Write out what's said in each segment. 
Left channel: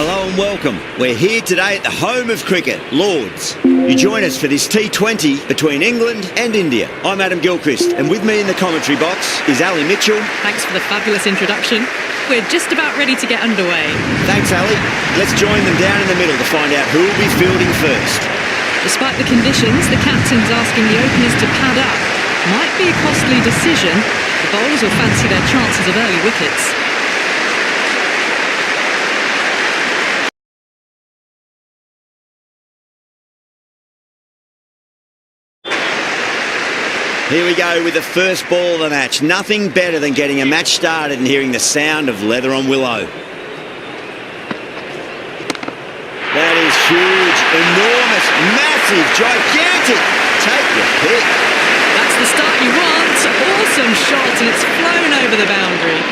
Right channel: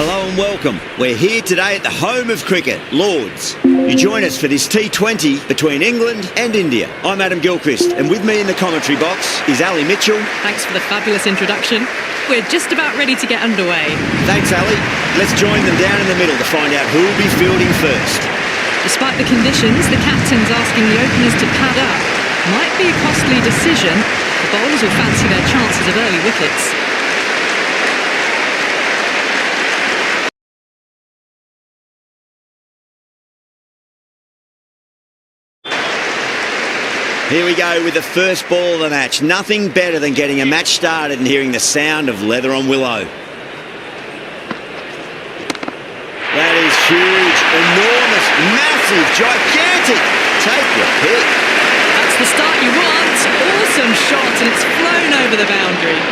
Hello and welcome. We're here today at the home of cricket, Lords. You join us for this T20 between England and India. I'm Adam Gilchrist, and with me in the commentary box is Ali Mitchell. Thanks for the fabulous introduction. We're just about ready to get underway. Thanks, Ali. Let's join them down in the middle to find out who will be fielding first. Despite the conditions, the captain's asking the openers to pad up. Might be a costly decision. The bowlers will fancy their chances of early wickets. Here we go with the first ball of the match. Nothing better than getting a match started and hearing the sound of leather on willow. That is huge, enormous, massive, gigantic. Take your pick. That's the start you want. Awesome shot, and it's flown over the boundary.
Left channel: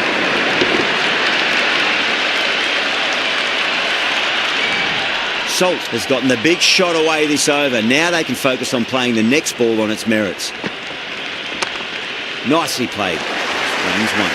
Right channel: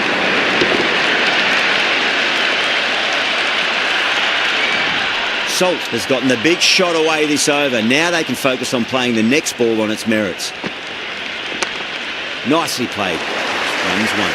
Salt has gotten the big shot away this over. Now they can focus on playing the next ball on its merits. Nicely played. Runs one.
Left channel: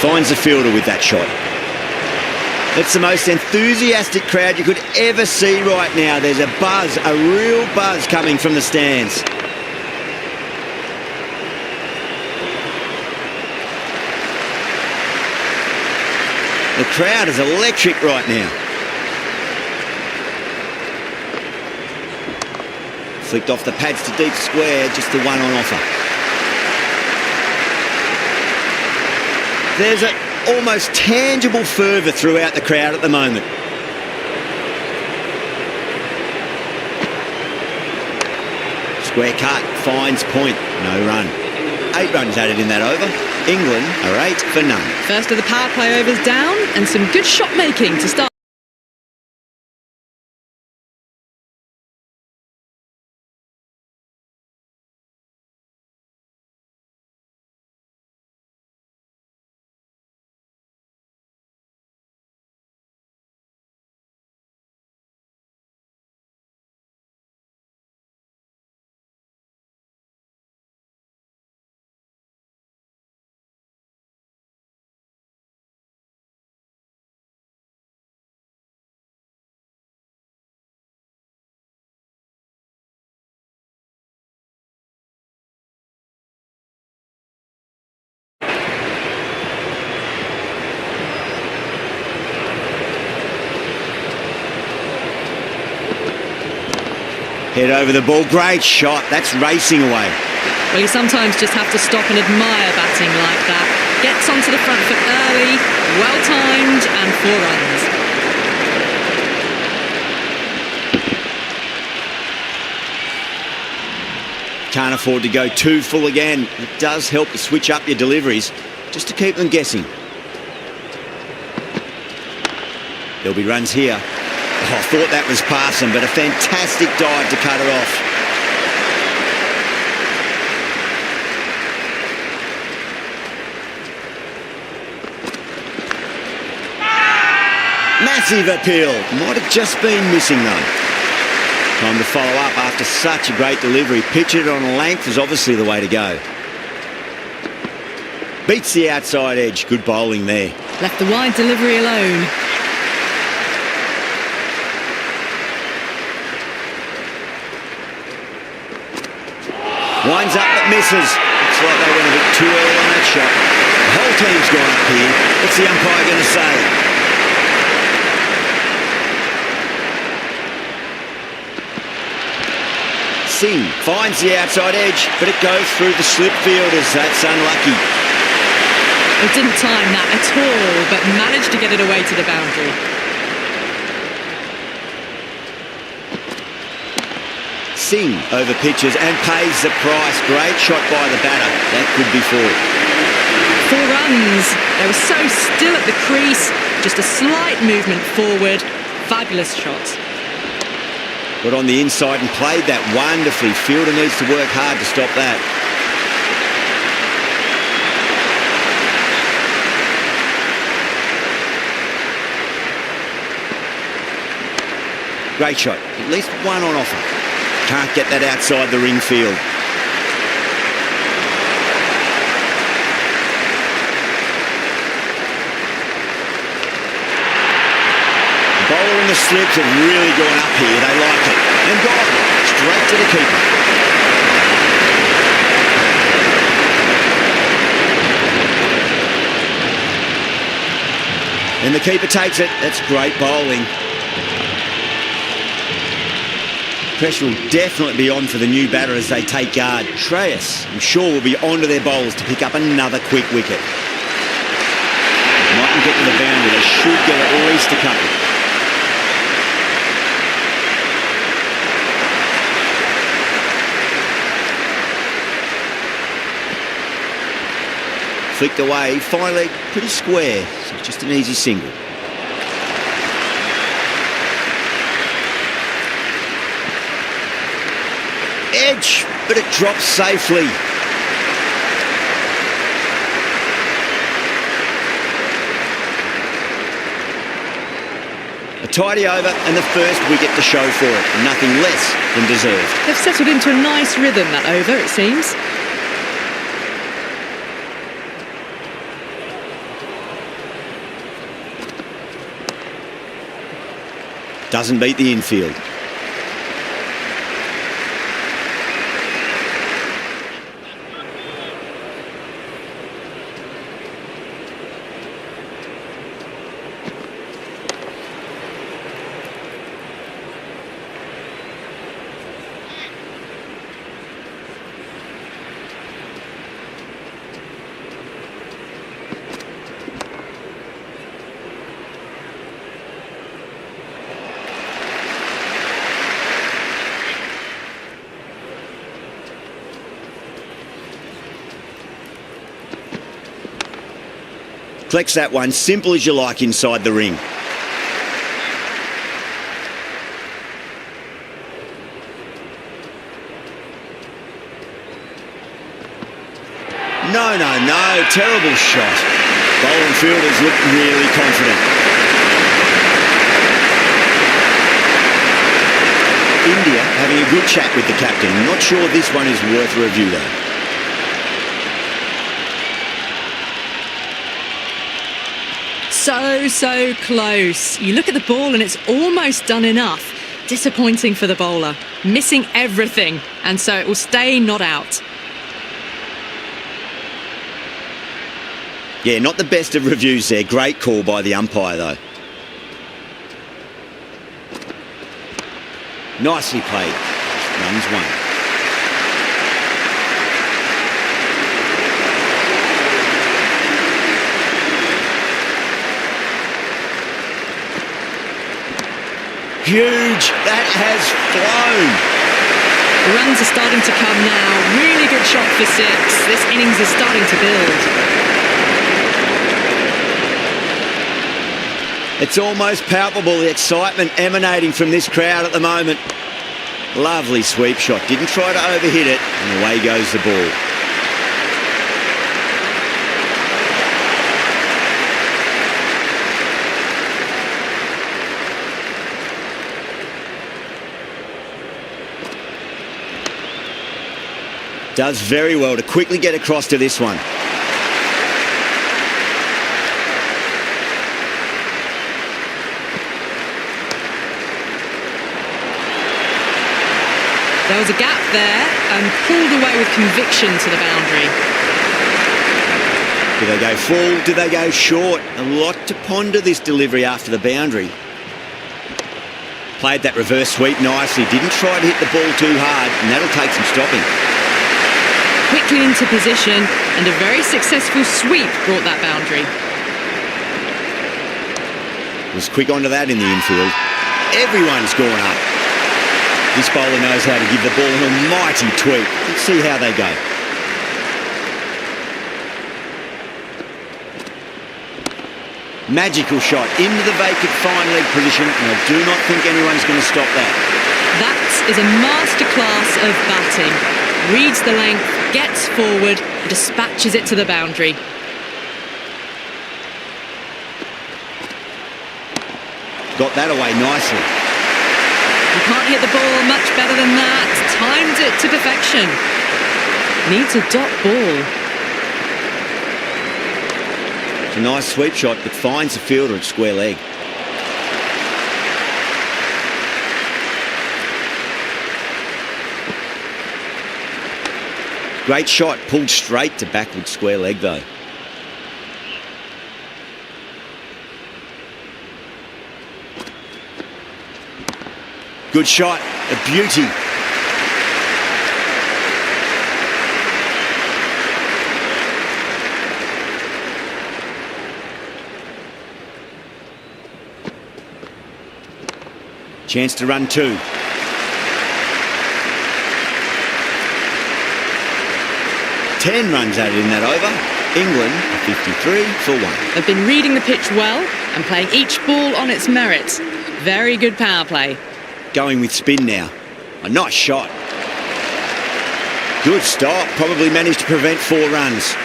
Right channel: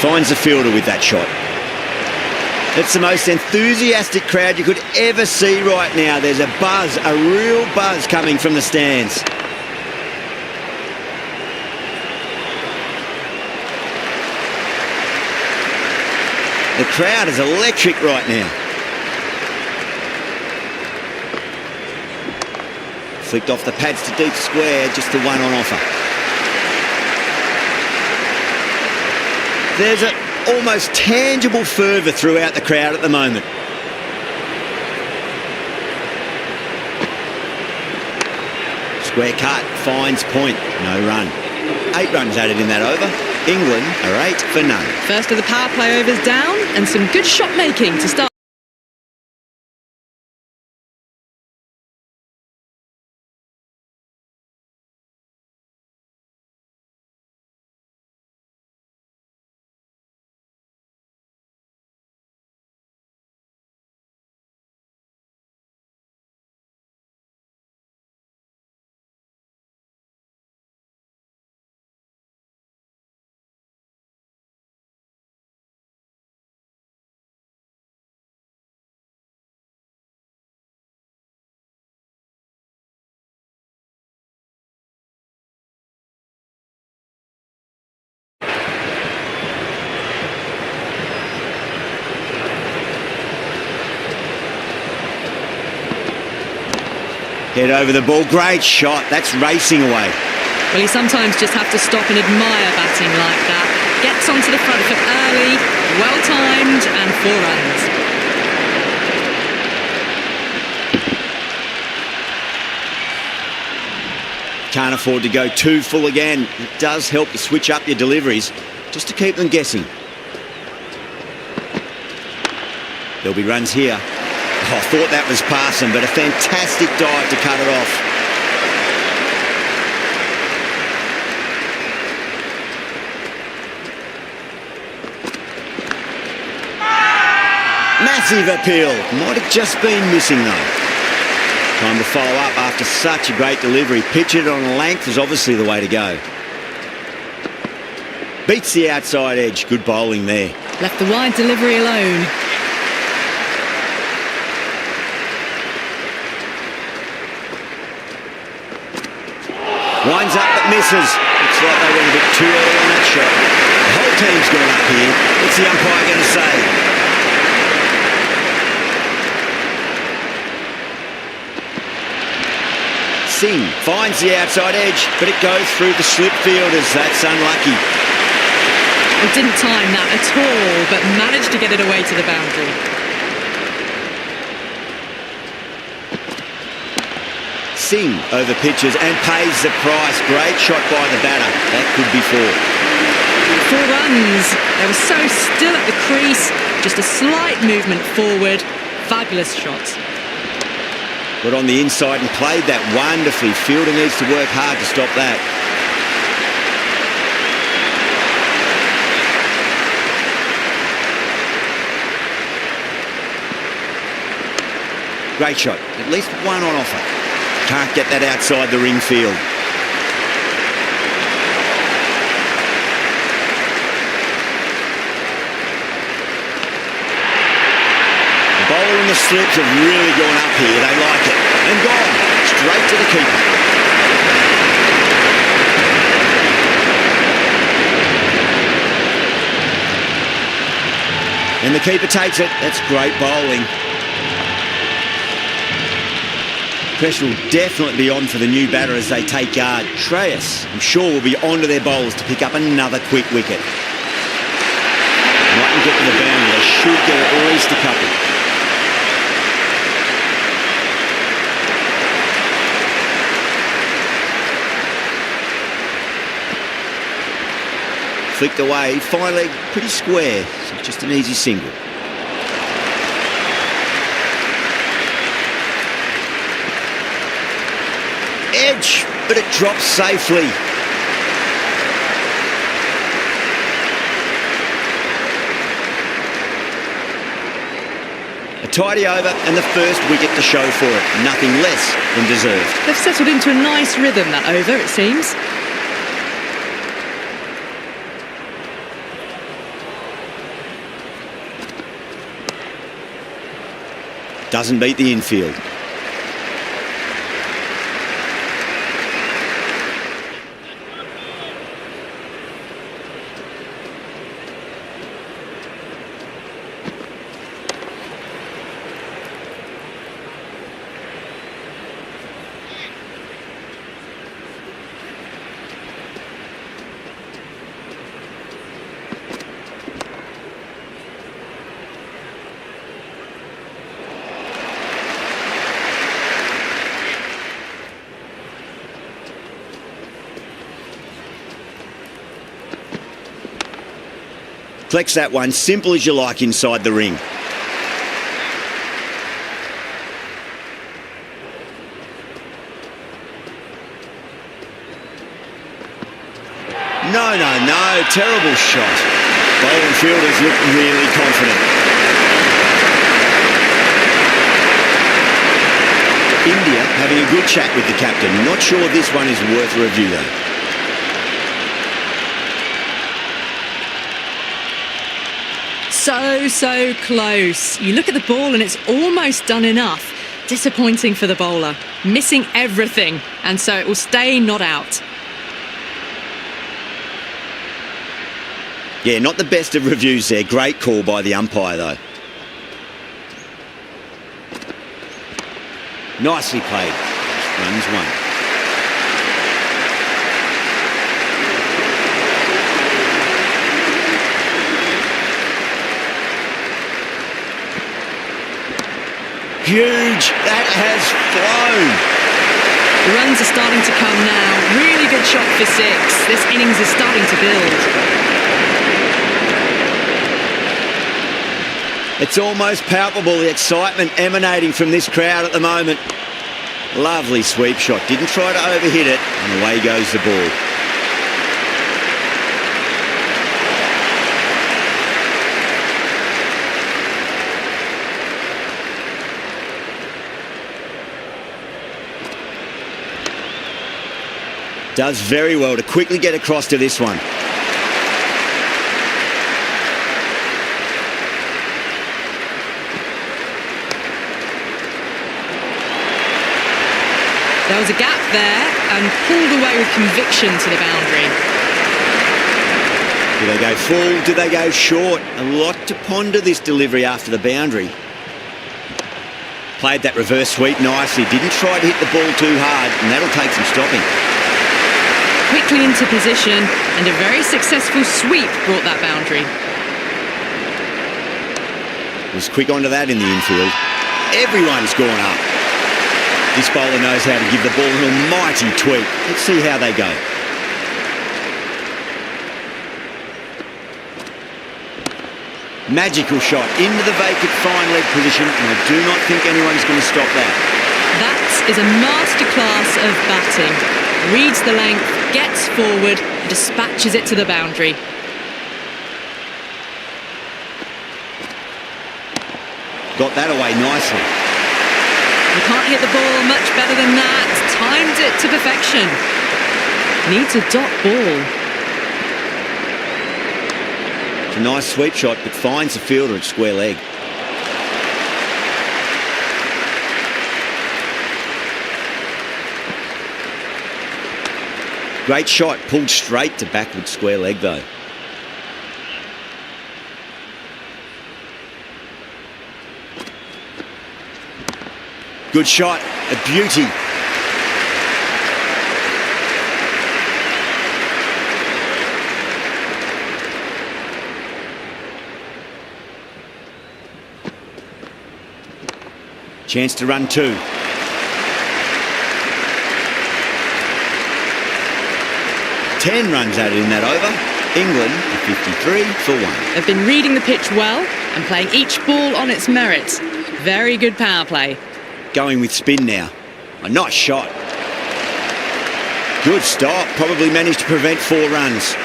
Finds the fielder with that shot. It's the most enthusiastic crowd you could ever see right now. There's a buzz, a real buzz coming from the stands. The crowd is electric right now. Flicked off the pads to deep square, just the one on offer. There's an almost tangible fervour throughout the crowd at the moment. Square cut, finds point, no run. 8 runs added in that over. England are 8 for none. First of the power play overs down, and some good shot making to start. Head over the ball, great shot, that's racing away. Well, you sometimes just have to stop and admire batting like that. Gets onto the front foot early, well-timed, and 4 runs. Can't afford to go too full again. It does help to switch up your deliveries, just to keep them guessing. There'll be runs here. Oh, I thought that was passing, but a fantastic dive to cut it off. Massive appeal. Might have just been missing, though. Time to follow up after such a great delivery. Pitch it on length is obviously the way to go. Beats the outside edge. Good bowling there. Left the wide delivery alone. Winds up but misses. Looks like they went a bit too early on that shot. The whole team's gone up here. What's the umpire going to say? Singh finds the outside edge, but it goes through the slip fielders. That's unlucky. Well, didn't time that at all, but managed to get it away to the boundary. Singh over pitches and pays the price. Great shot by the batter. That could be 4. 4 runs. They were so still at the crease, just a slight movement forward. Fabulous shot. Got on the inside and played that wonderfully. Fielder needs to work hard to stop that. Great shot. At least one on offer. Can't get that outside the ring field. The bowler and the slips have really gone up here. They like it. And gone. Straight to the keeper. And the keeper takes it. That's great bowling. Pressure will definitely be on for the new batter as they take guard. Treyas, I'm sure, will be on to their bowlers to pick up another quick wicket. Mightn't get to the boundary. They should get at least a couple. Flicked away, fine leg, pretty square. So it's just an easy single. Edge, but it drops safely. A tidy over and the first wicket to show for it. Nothing less than deserved. They've settled into a nice rhythm that over, it seems. Doesn't beat the infield. Flex that one, simple as you like inside the ring. No, terrible shot. Bowler and fielders look really confident. India having a good chat with the captain. Not sure this one is worth a review though. So close. You look at the ball and it's almost done enough. Disappointing for the bowler. Missing everything, and so it will stay not out. Yeah, not the best of reviews there. Great call by the umpire though. Nicely played. Runs one. Huge. That has flown. The runs are starting to come now. Really good shot for 6. This innings is starting to build. It's almost palpable, the excitement emanating from this crowd at the moment. Lovely sweep shot. Didn't try to overhit it, and away goes the ball. Does very well to quickly get across to this one. There was a gap there and pulled away with conviction to the boundary. Do they go full? Do they go short? A lot to ponder this delivery after the boundary. Played that reverse sweep nicely. Didn't try to hit the ball too hard, and that'll take some stopping. Quickly into position, and a very successful sweep brought that boundary. Was quick onto that in the infield. Everyone's gone up. This bowler knows how to give the ball an almighty tweak. Let's see how they go. Magical shot into the vacant fine leg position, and I do not think anyone's going to stop that. That is a masterclass of batting. Reads the length, gets forward, and dispatches it to the boundary. Got that away nicely. You can't hit the ball much better than that. Timed it to perfection. Needs a dot ball. It's a nice sweep shot, but finds the fielder at square leg. Great shot, pulled straight to backward square leg though. Good shot, a beauty. Chance to run two. Ten runs added in that over. England are 53 for 1. They've been reading the pitch well and playing each ball on its merits. Very good power play. Going with spin now. A nice shot. Good stop. Probably managed to prevent 4 runs.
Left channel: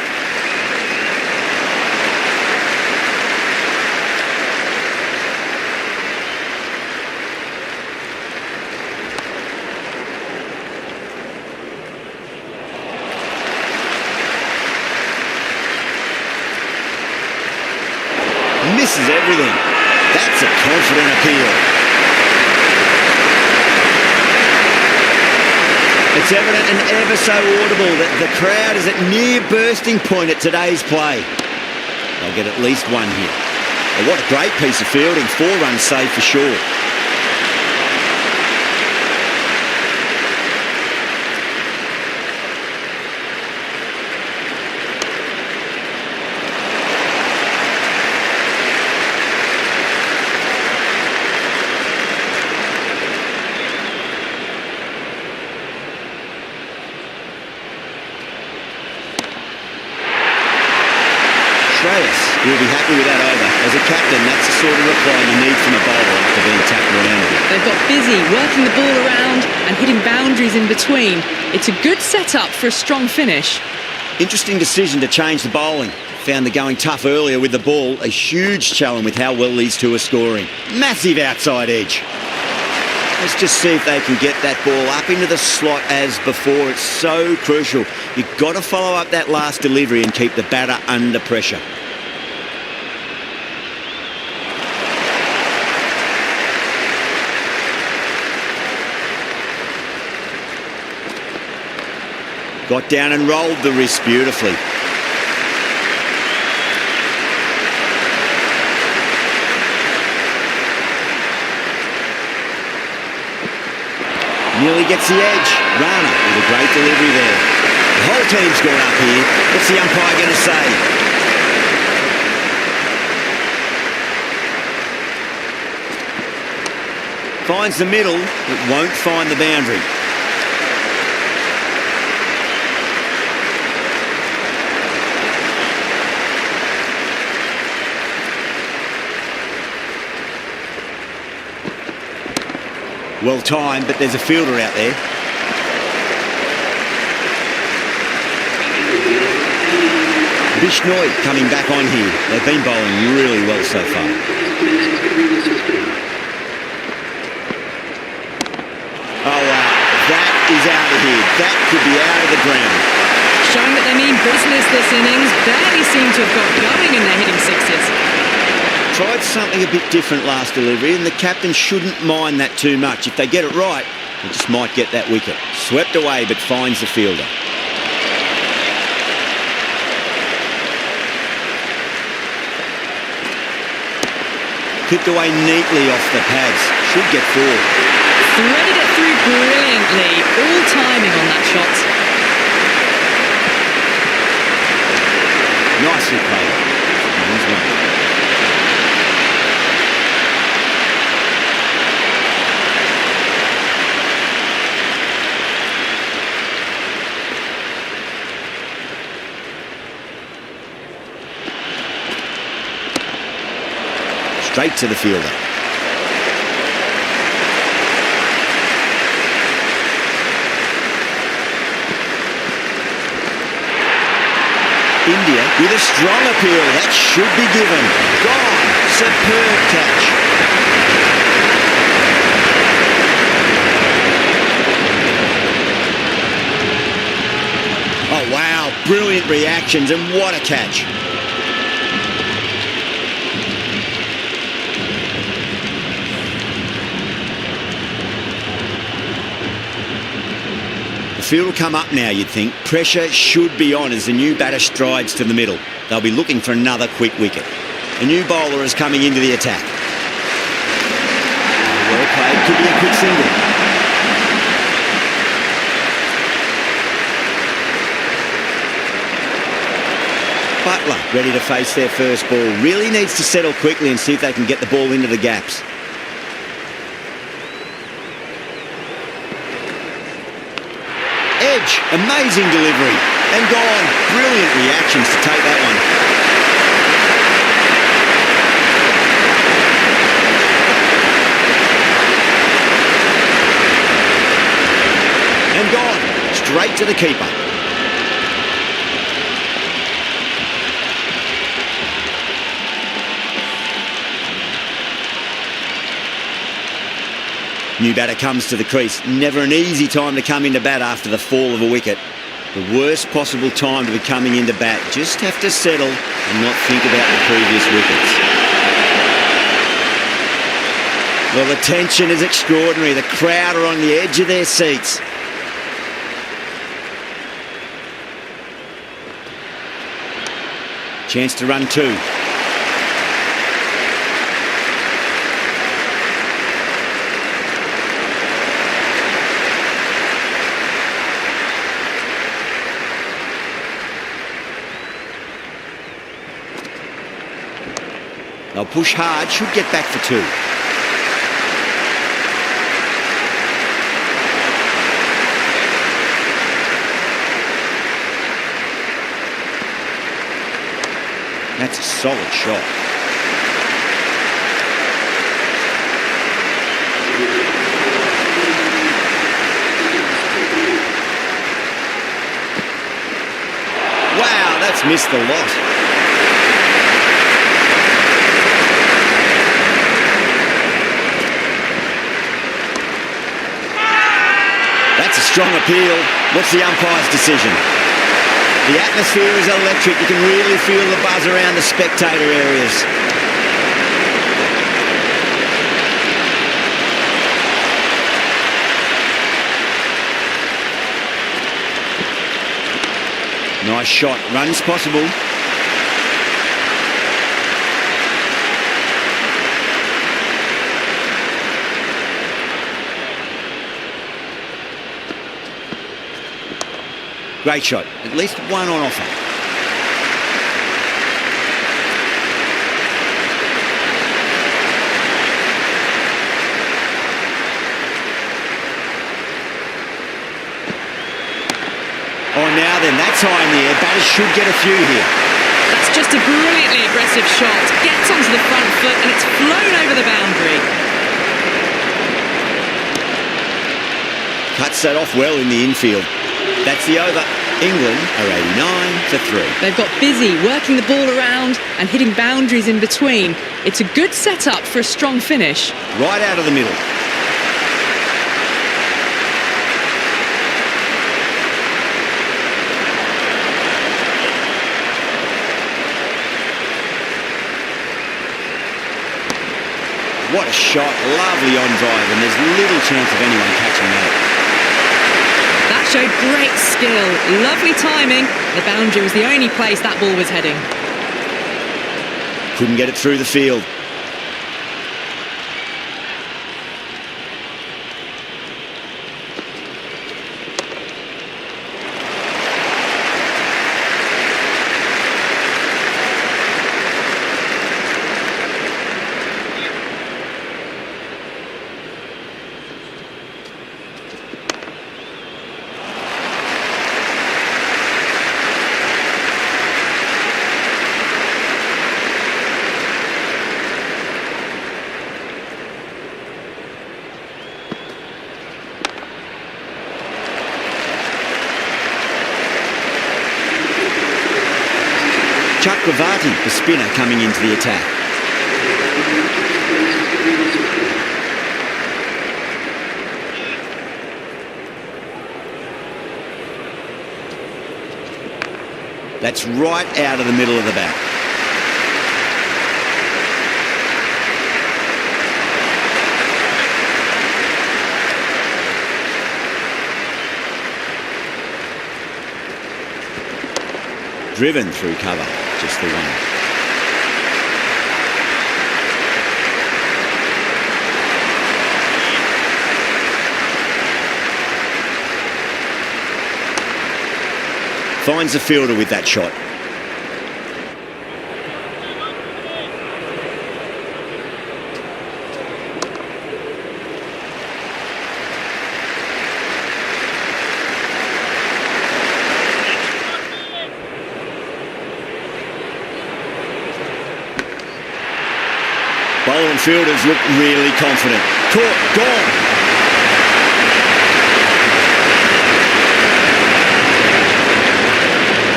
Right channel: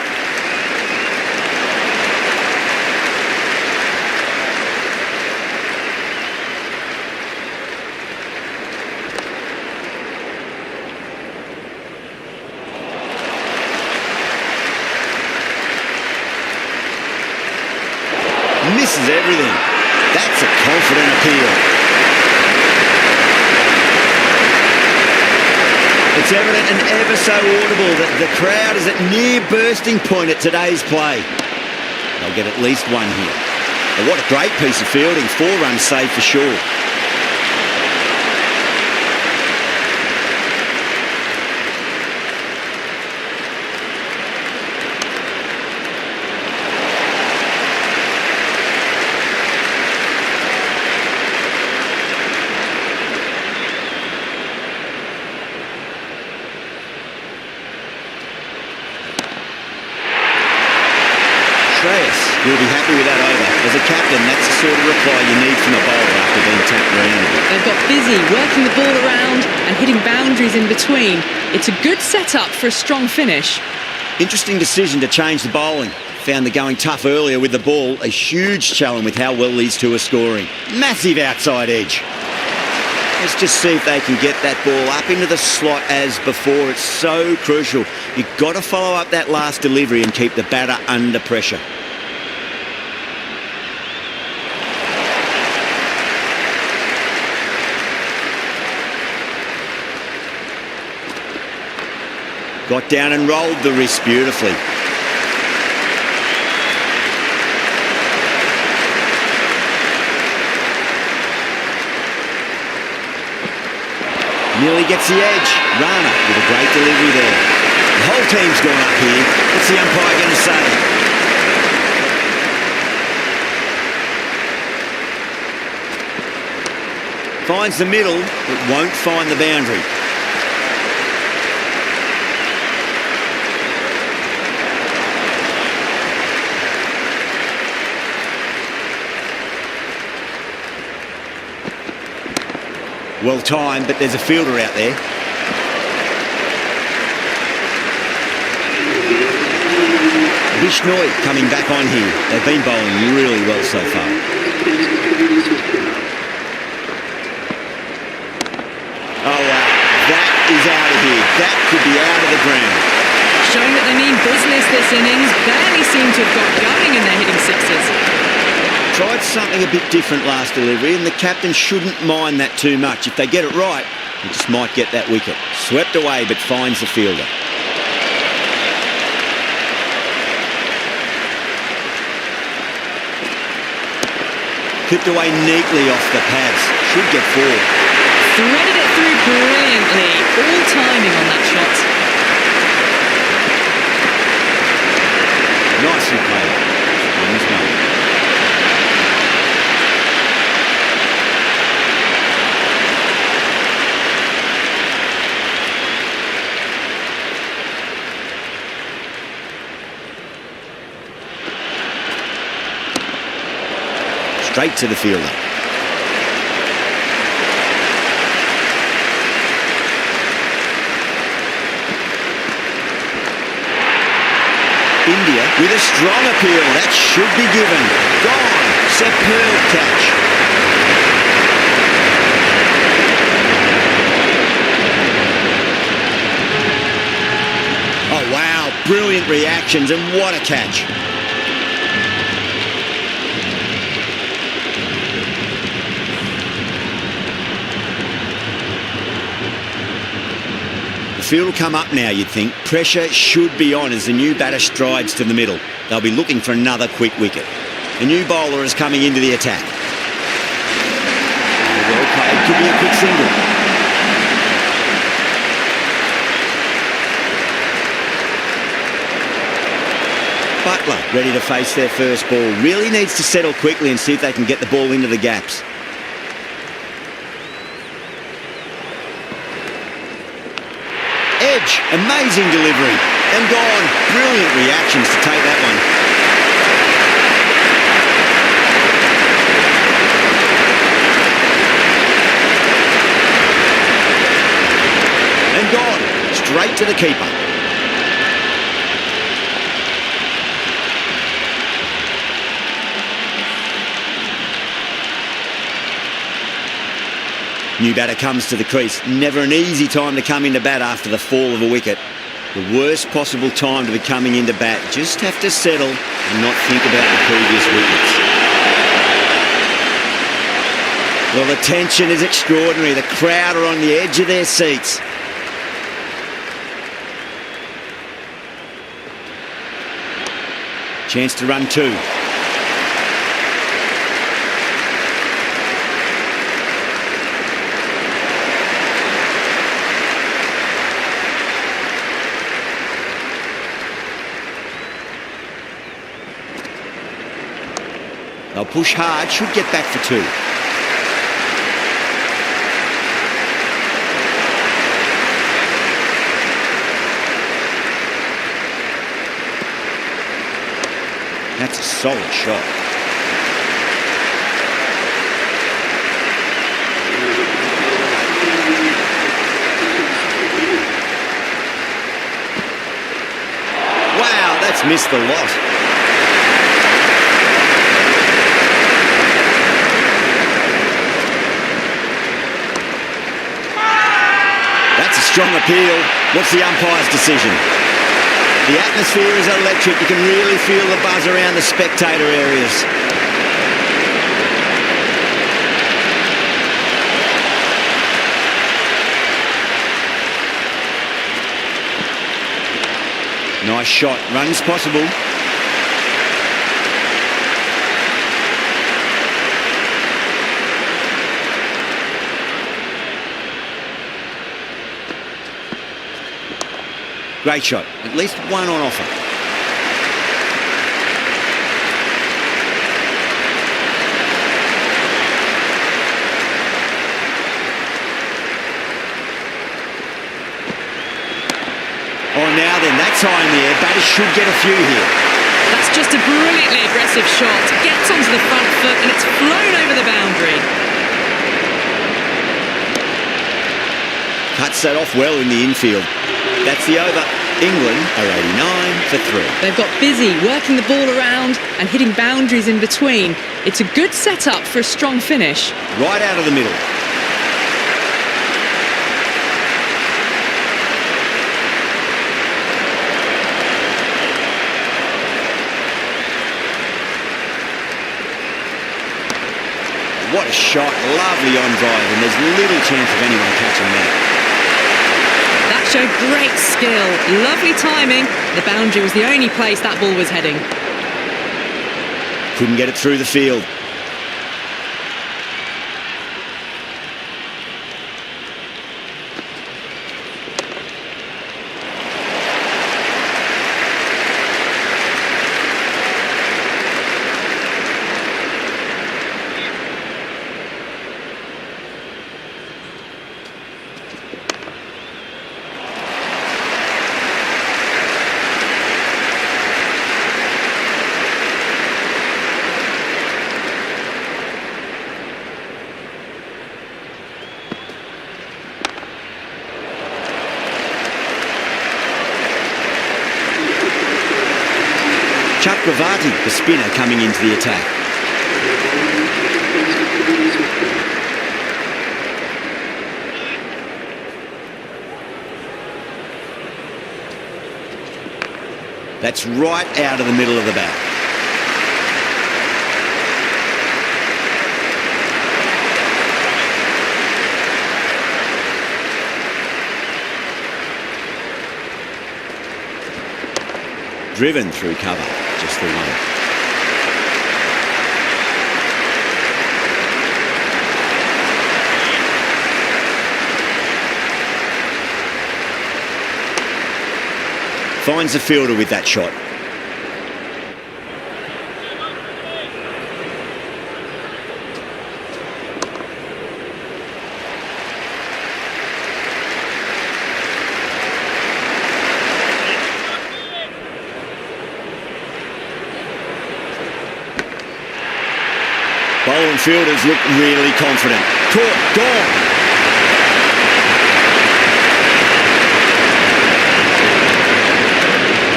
Misses everything. That's a confident appeal. It's evident and ever so audible that the crowd is at near bursting point at today's play. They'll get at least one here. Oh, what a great piece of fielding. 4 runs saved for sure. Shreyas will be happy with that over. As a captain, that's the sort of reply you need from a bowler after being tapped around a bit. They've got busy working the ball around and hitting boundaries in between. It's a good setup for a strong finish. Interesting decision to change the bowling. Found the going tough earlier with the ball. A huge challenge with how well these two are scoring. Massive outside edge. Let's just see if they can get that ball up into the slot as before. It's so crucial. You've got to follow up that last delivery and keep the batter under pressure. Got down and rolled the wrist beautifully. Nearly gets the edge. Rana with a great delivery there. The whole team's gone up here. What's the umpire going to say? Finds the middle, but won't find the boundary. Well timed, but there's a fielder out there. Bishnoi coming back on here. They've been bowling really well so far. Oh wow, that is out of here. That could be out of the ground. Showing that they mean business this innings. Barely seem to have got going and they're hitting sixes. Tried something a bit different last delivery, and the captain shouldn't mind that too much. If they get it right, they just might get that wicket. Swept away, but finds the fielder. Clipped away neatly off the pads. Should get 4. Threaded it through brilliantly. All timing on that shot. Nicely played. Wins 1. Straight to the fielder. India with a strong appeal. That should be given. Gone. Superb catch. Oh, wow. Brilliant reactions, and what a catch. The field will come up now, you'd think. Pressure should be on as the new batter strides to the middle. They'll be looking for another quick wicket. The new bowler is coming into the attack. And well played, could be a quick single. Butler ready to face their first ball. Really needs to settle quickly and see if they can get the ball into the gaps. Edge, amazing delivery, and gone. Brilliant reactions to take that one. And gone, straight to the keeper. New batter comes to the crease. Never an easy time to come into bat after the fall of a wicket. The worst possible time to be coming into bat. Just have to settle and not think about the previous wickets. Well, the tension is extraordinary. The crowd are on the edge of their seats. Chance to run two. They'll push hard, should get back for two. That's a solid shot. Wow, that's missed the lot. That's a strong appeal. What's the umpire's decision? The atmosphere is electric. You can really feel the buzz around the spectator areas. Nice shot. Runs possible. Great shot. At least one on offer. Oh, now then, that's high in the air. Batters should get a few here. That's just a brilliantly aggressive shot. Gets onto the front foot and it's flown over the boundary. Cuts that off well in the infield. That's the over. England are 89 for 3. They've got busy working the ball around and hitting boundaries in between. It's a good setup for a strong finish. Right out of the middle. What a shot. Lovely on drive, and there's little chance of anyone catching that. That showed great skill, lovely timing. The boundary was the only place that ball was heading. Couldn't get it through the field. Chakravarti, the spinner, coming into the attack. That's right out of the middle of the bat. Driven through cover, just the one. Finds the fielder with that shot. Bowler and fielders look really confident. Caught, gone.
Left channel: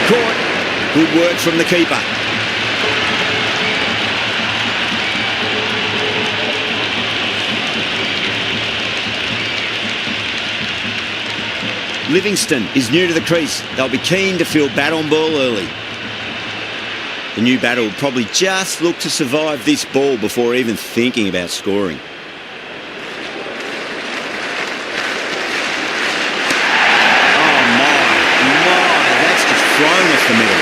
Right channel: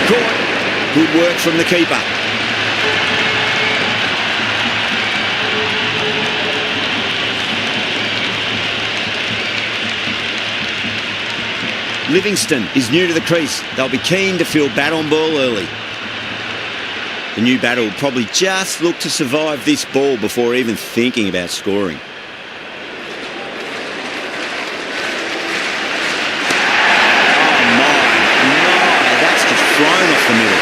Caught. Good work from the keeper. Livingston is new to the crease. They'll be keen to field bat on ball early. The new batter will probably just look to survive this ball before even thinking about scoring. Oh my, that's just flown off the middle.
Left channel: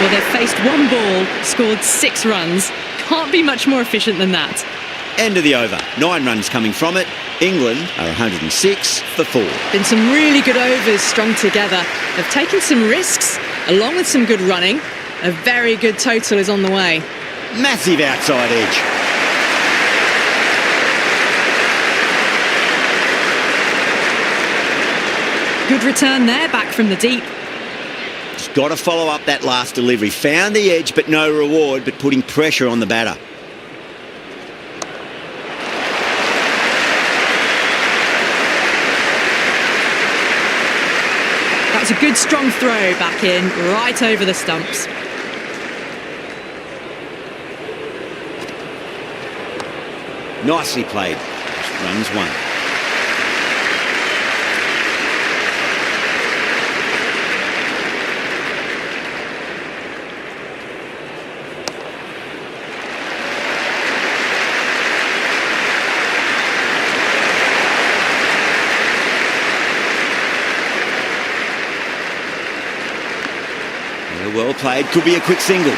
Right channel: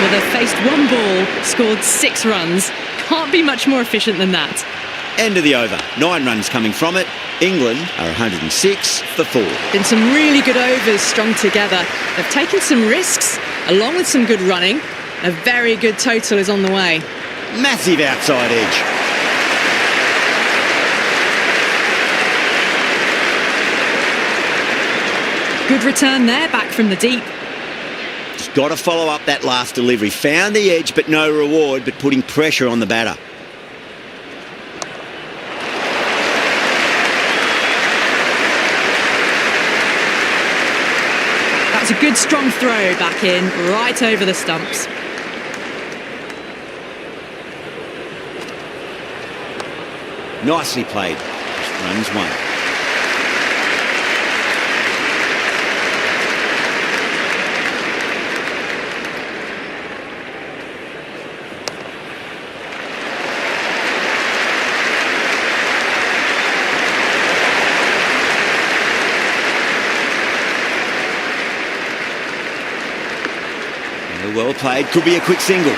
Well, they've faced one ball, scored 6 runs. Can't be much more efficient than that. End of the over. 9 runs coming from it. England are 106 for 4. Been some really good overs strung together. They've taken some risks, along with some good running. A very good total is on the way. Massive outside edge. Good return there, back from the deep. Just got to follow up that last delivery. Found the edge, but no reward, but putting pressure on the batter. That was a good strong throw back in, right over the stumps. Nicely played. Just runs 1. Yeah, well played. Could be a quick single.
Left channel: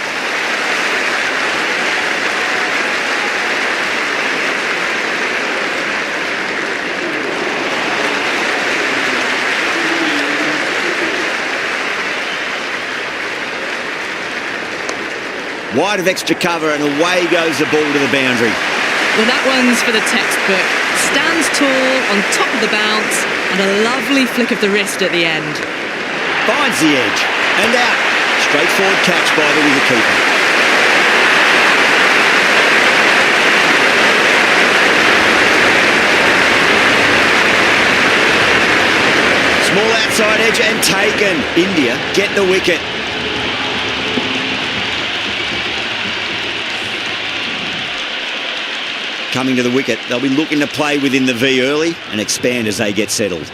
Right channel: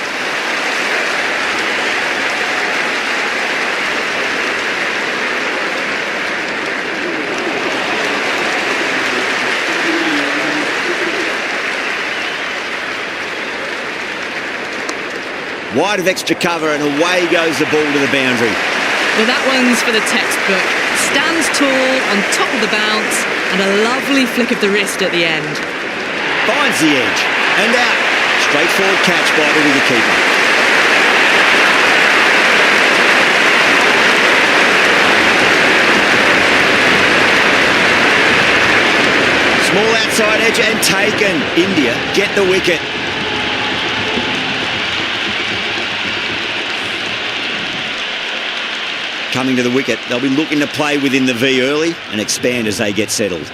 Wide of extra cover and away goes the ball to the boundary. Well, that one's for the textbook. Stands tall, on top of the bounce, and a lovely flick of the wrist at the end. Finds the edge and out. Straightforward catch by the wicketkeeper. Small outside edge and taken. India get the wicket. Coming to the wicket, they'll be looking to play within the V early and expand as they get settled.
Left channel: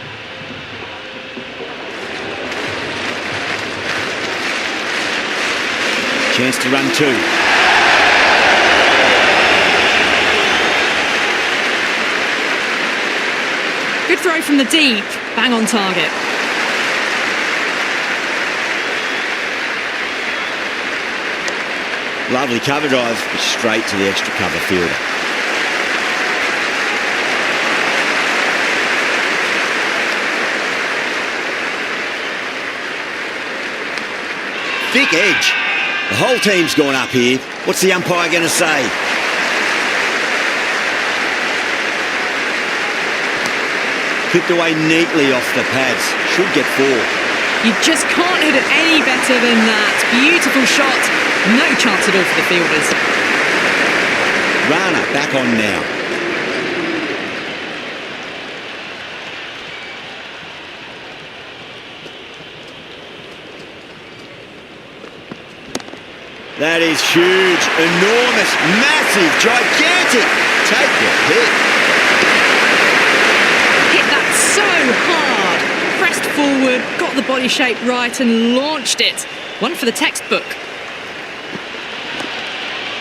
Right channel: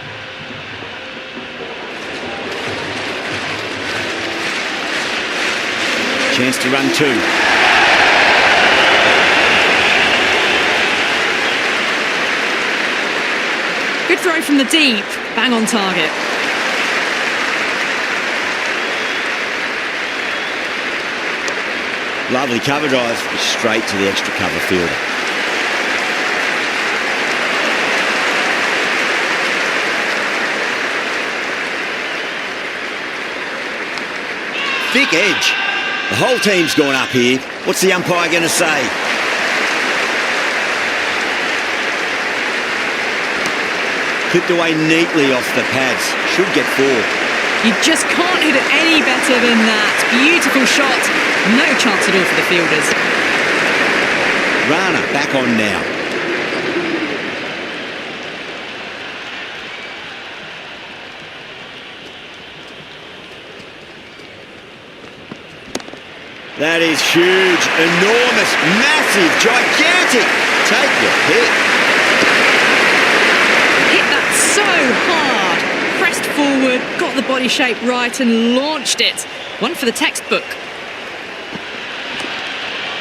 Chance to run 2. Good throw from the deep, bang on target. Lovely cover drive, but straight to the extra cover fielder. Thick edge. The whole team's gone up here. What's the umpire going to say? Clipped away neatly off the pads. Should get 4. You just can't hit it any better than that. Beautiful shot. No chance at all for the fielders. Rana back on now. That is huge, enormous, massive, gigantic. Take your pick. Hit that so hard. Pressed forward, got the body shape right and launched it. One for the textbook.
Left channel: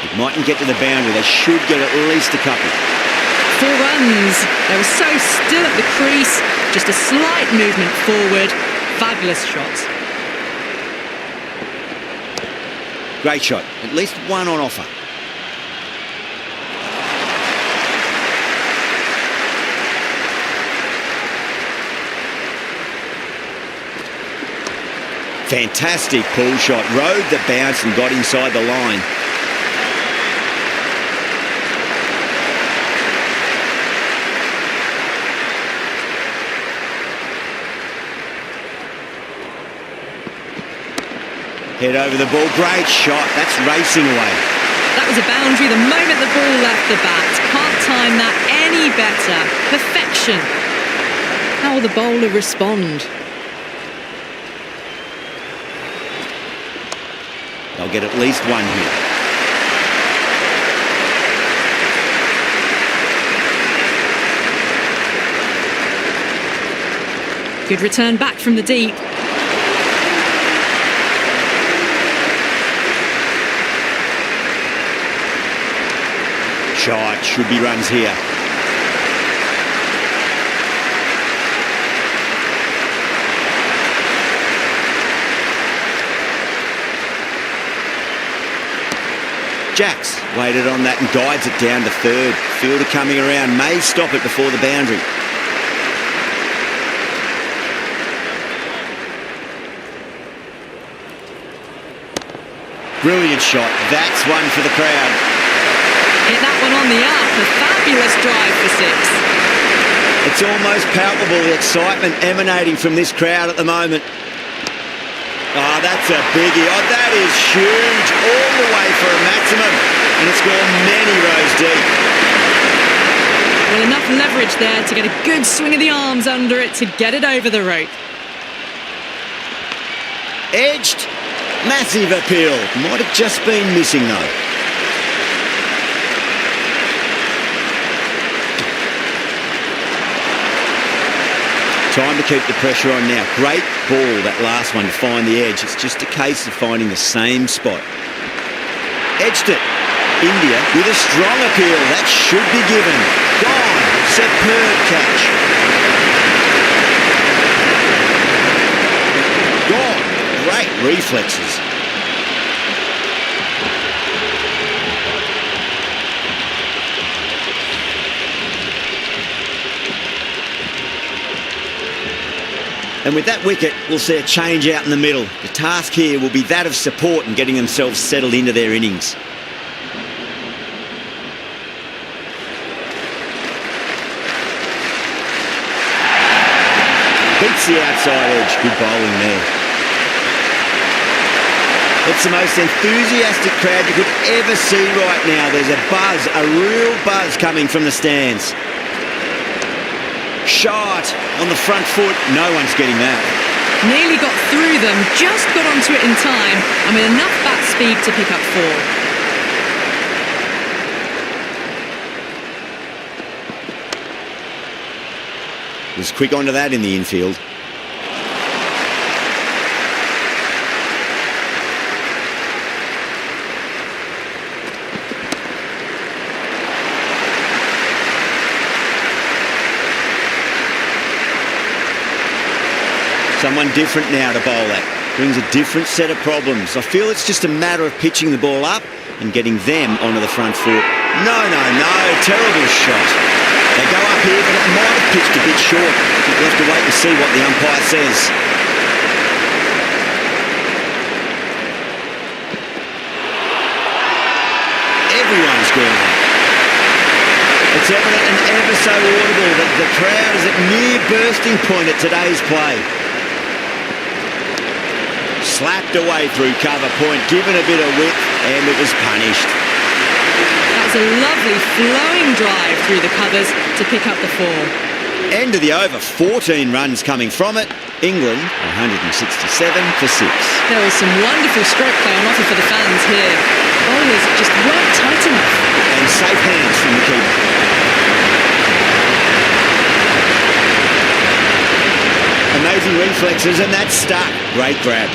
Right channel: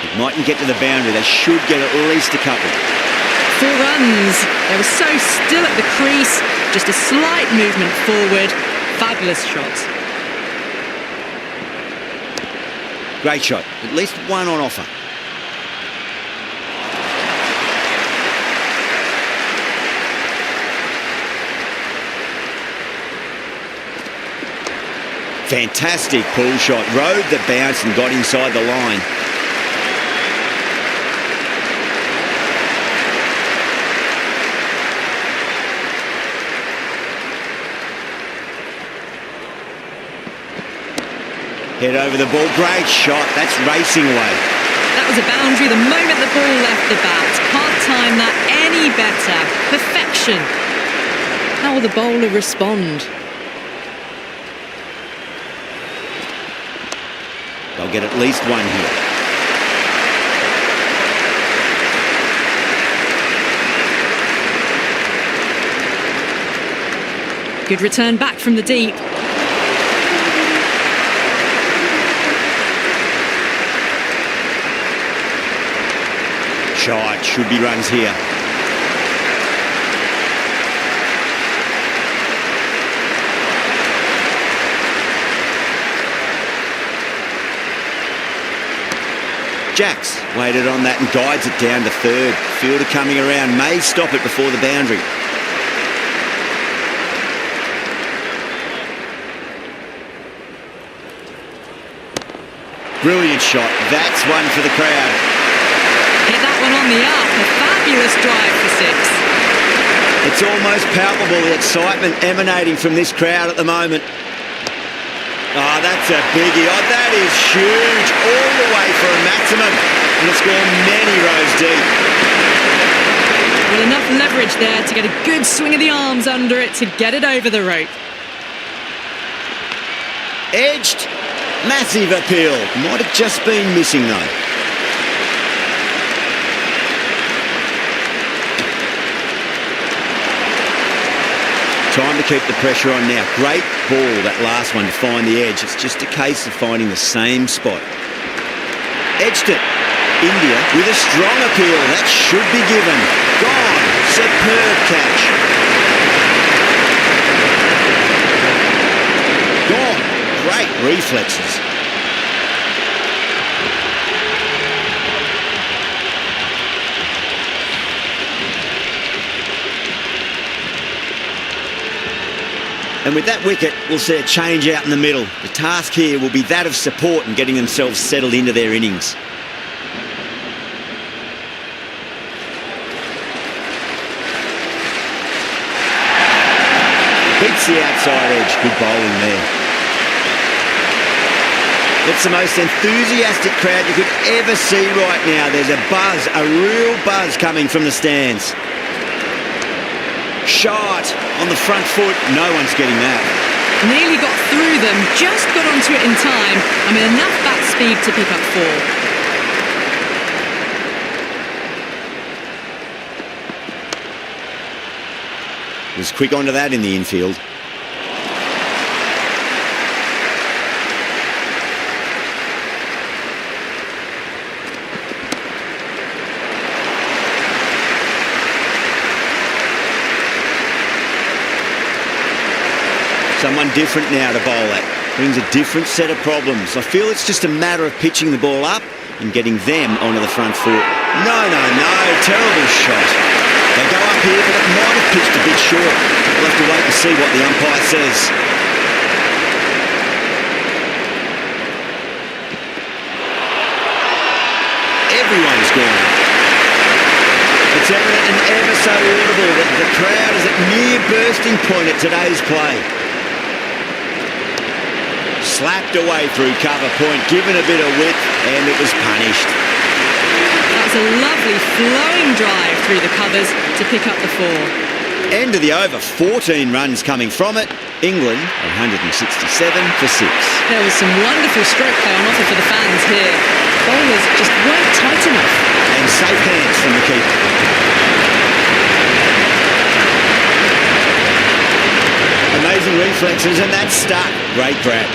It mightn't get to the boundary. They should get at least a couple. 4 runs. They were so still at the crease. Just a slight movement forward. Fabulous shots. Great shot. At least one on offer. Fantastic pull shot. Rode the bounce and got inside the line. Head over the ball. Great shot. That's racing away. That was a boundary the moment the ball left the bat. Can't time that any better. Perfection. How will the bowler respond? They'll get at least one here. Good return back from the deep. Shot. Should be runs here. Jacks waited on that and guides it down to third. Fielder coming around, may stop it before the boundary. Brilliant shot. That's one for the crowd. Hit that one on the up. A fabulous drive for 6. It's almost palpable, the excitement emanating from this crowd at the moment. Oh, that's a biggie. Oh, that is huge. All the way for a maximum. And it's gone many rows deep. Well, enough leverage there to get a good swing of the arms under it to get it over the rope. Edged. Massive appeal. Might have just been missing, though. Time to keep the pressure on now. Great ball, that last one, to find the edge. It's just a case of finding the same spot. Edged it. India with a strong appeal. That should be given. Gone. Superb catch. Gone. Great reflexes. And with that wicket, we'll see a change out in the middle. The task here will be that of support and getting themselves settled into their innings. Beats the outside edge. Good bowling there. It's the most enthusiastic crowd you could ever see right now. There's a buzz, a real buzz coming from the stands. Shot on the front foot. No one's getting that. Nearly got through them, just got onto it in time, and with enough bat speed to pick up 4. Was quick onto that in the infield. Someone different now to bowl at. Brings a different set of problems. I feel it's just a matter of pitching the ball up and getting them onto the front foot. No. Terrible shot. They go up here, but it might have pitched a bit short. We'll have to wait and see what the umpire says. Everyone's gone up. It's evident and ever so audible that the crowd is at near bursting point at today's play. Slapped away through cover point, given a bit of width, and it was punished. That was a lovely flowing drive through the covers to pick up the 4. End of the over, 14 runs coming from it. England 167 for 6. There was some wonderful stroke play on offer for the fans here. Bowlers just weren't tight enough. And safe hands from the keeper. Amazing reflexes, and that's stuck. Great grab.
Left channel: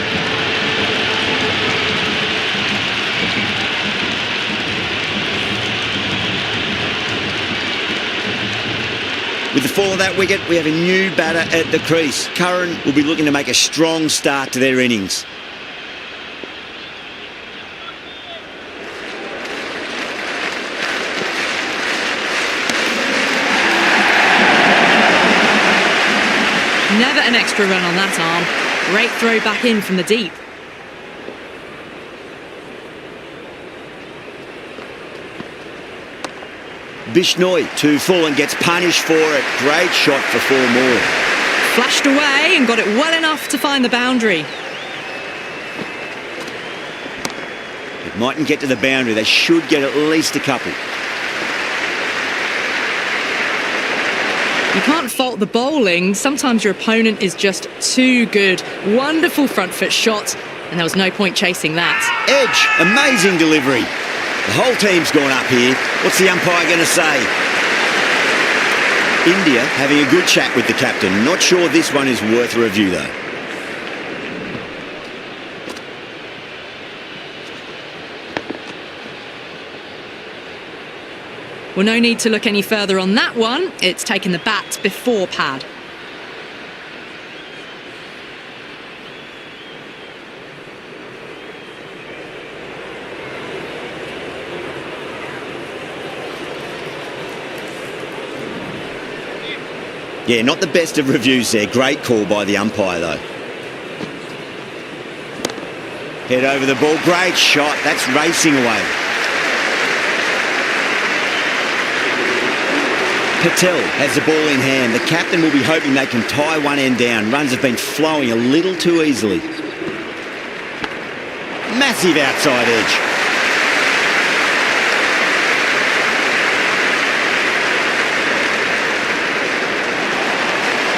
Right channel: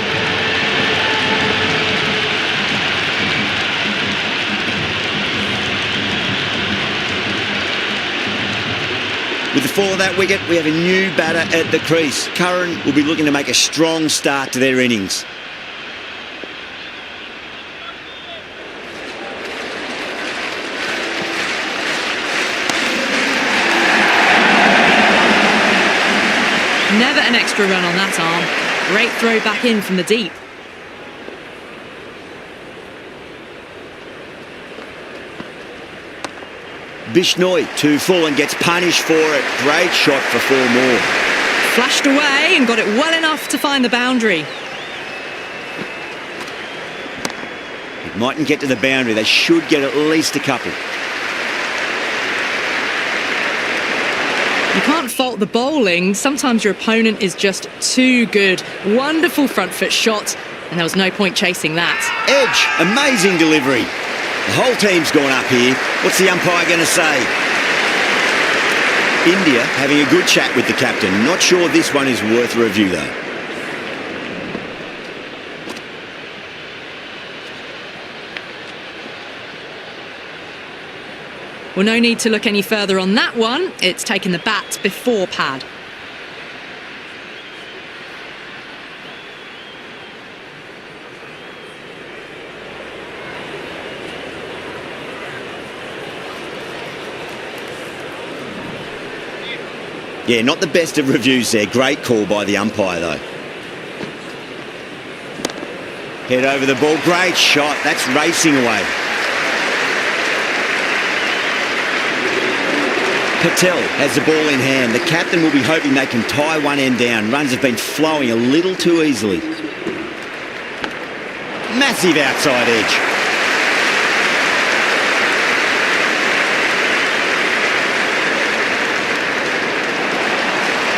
With the fall of that wicket, we have a new batter at the crease. Curran will be looking to make a strong start to their innings. Never an extra run on that arm. Great throw back in from the deep. Bishnoi too full and gets punished for it. Great shot for 4 more. Flashed away and got it well enough to find the boundary. It mightn't get to the boundary. They should get at least a couple. You can't fault the bowling. Sometimes your opponent is just too good. Wonderful front foot shot, and there was no point chasing that. Edge, amazing delivery. The whole team's gone up here. What's the umpire going to say? India having a good chat with the captain. Not sure this one is worth a review though. Well, no need to look any further on that one. It's taken the bat before pad. Yeah, not the best of reviews there. Great call by the umpire though. Head over the ball. Great shot. That's racing away. Patel has the ball in hand. The captain will be hoping they can tie one end down. Runs have been flowing a little too easily. Massive outside edge.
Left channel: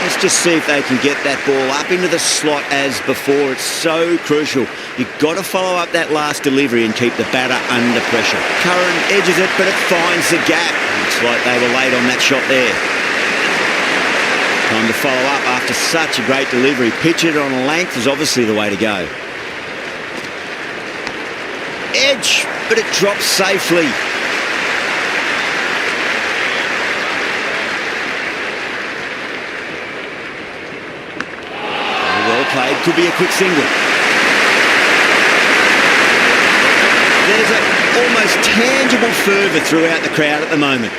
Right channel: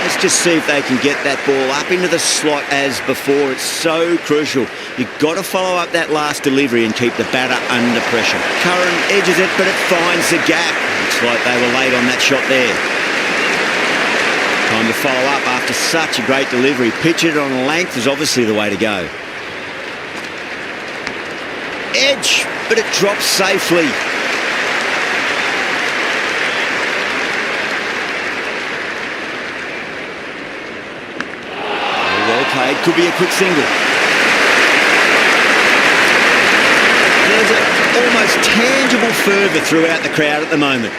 Let's just see if they can get that ball up into the slot as before. It's so crucial. You've got to follow up that last delivery and keep the batter under pressure. Curran edges it, but it finds the gap. Looks like they were late on that shot there. Time to follow up after such a great delivery. Pitch it on length is obviously the way to go. Edge, but it drops safely. Well played, could be a quick single. There's an almost tangible fervour throughout the crowd at the moment.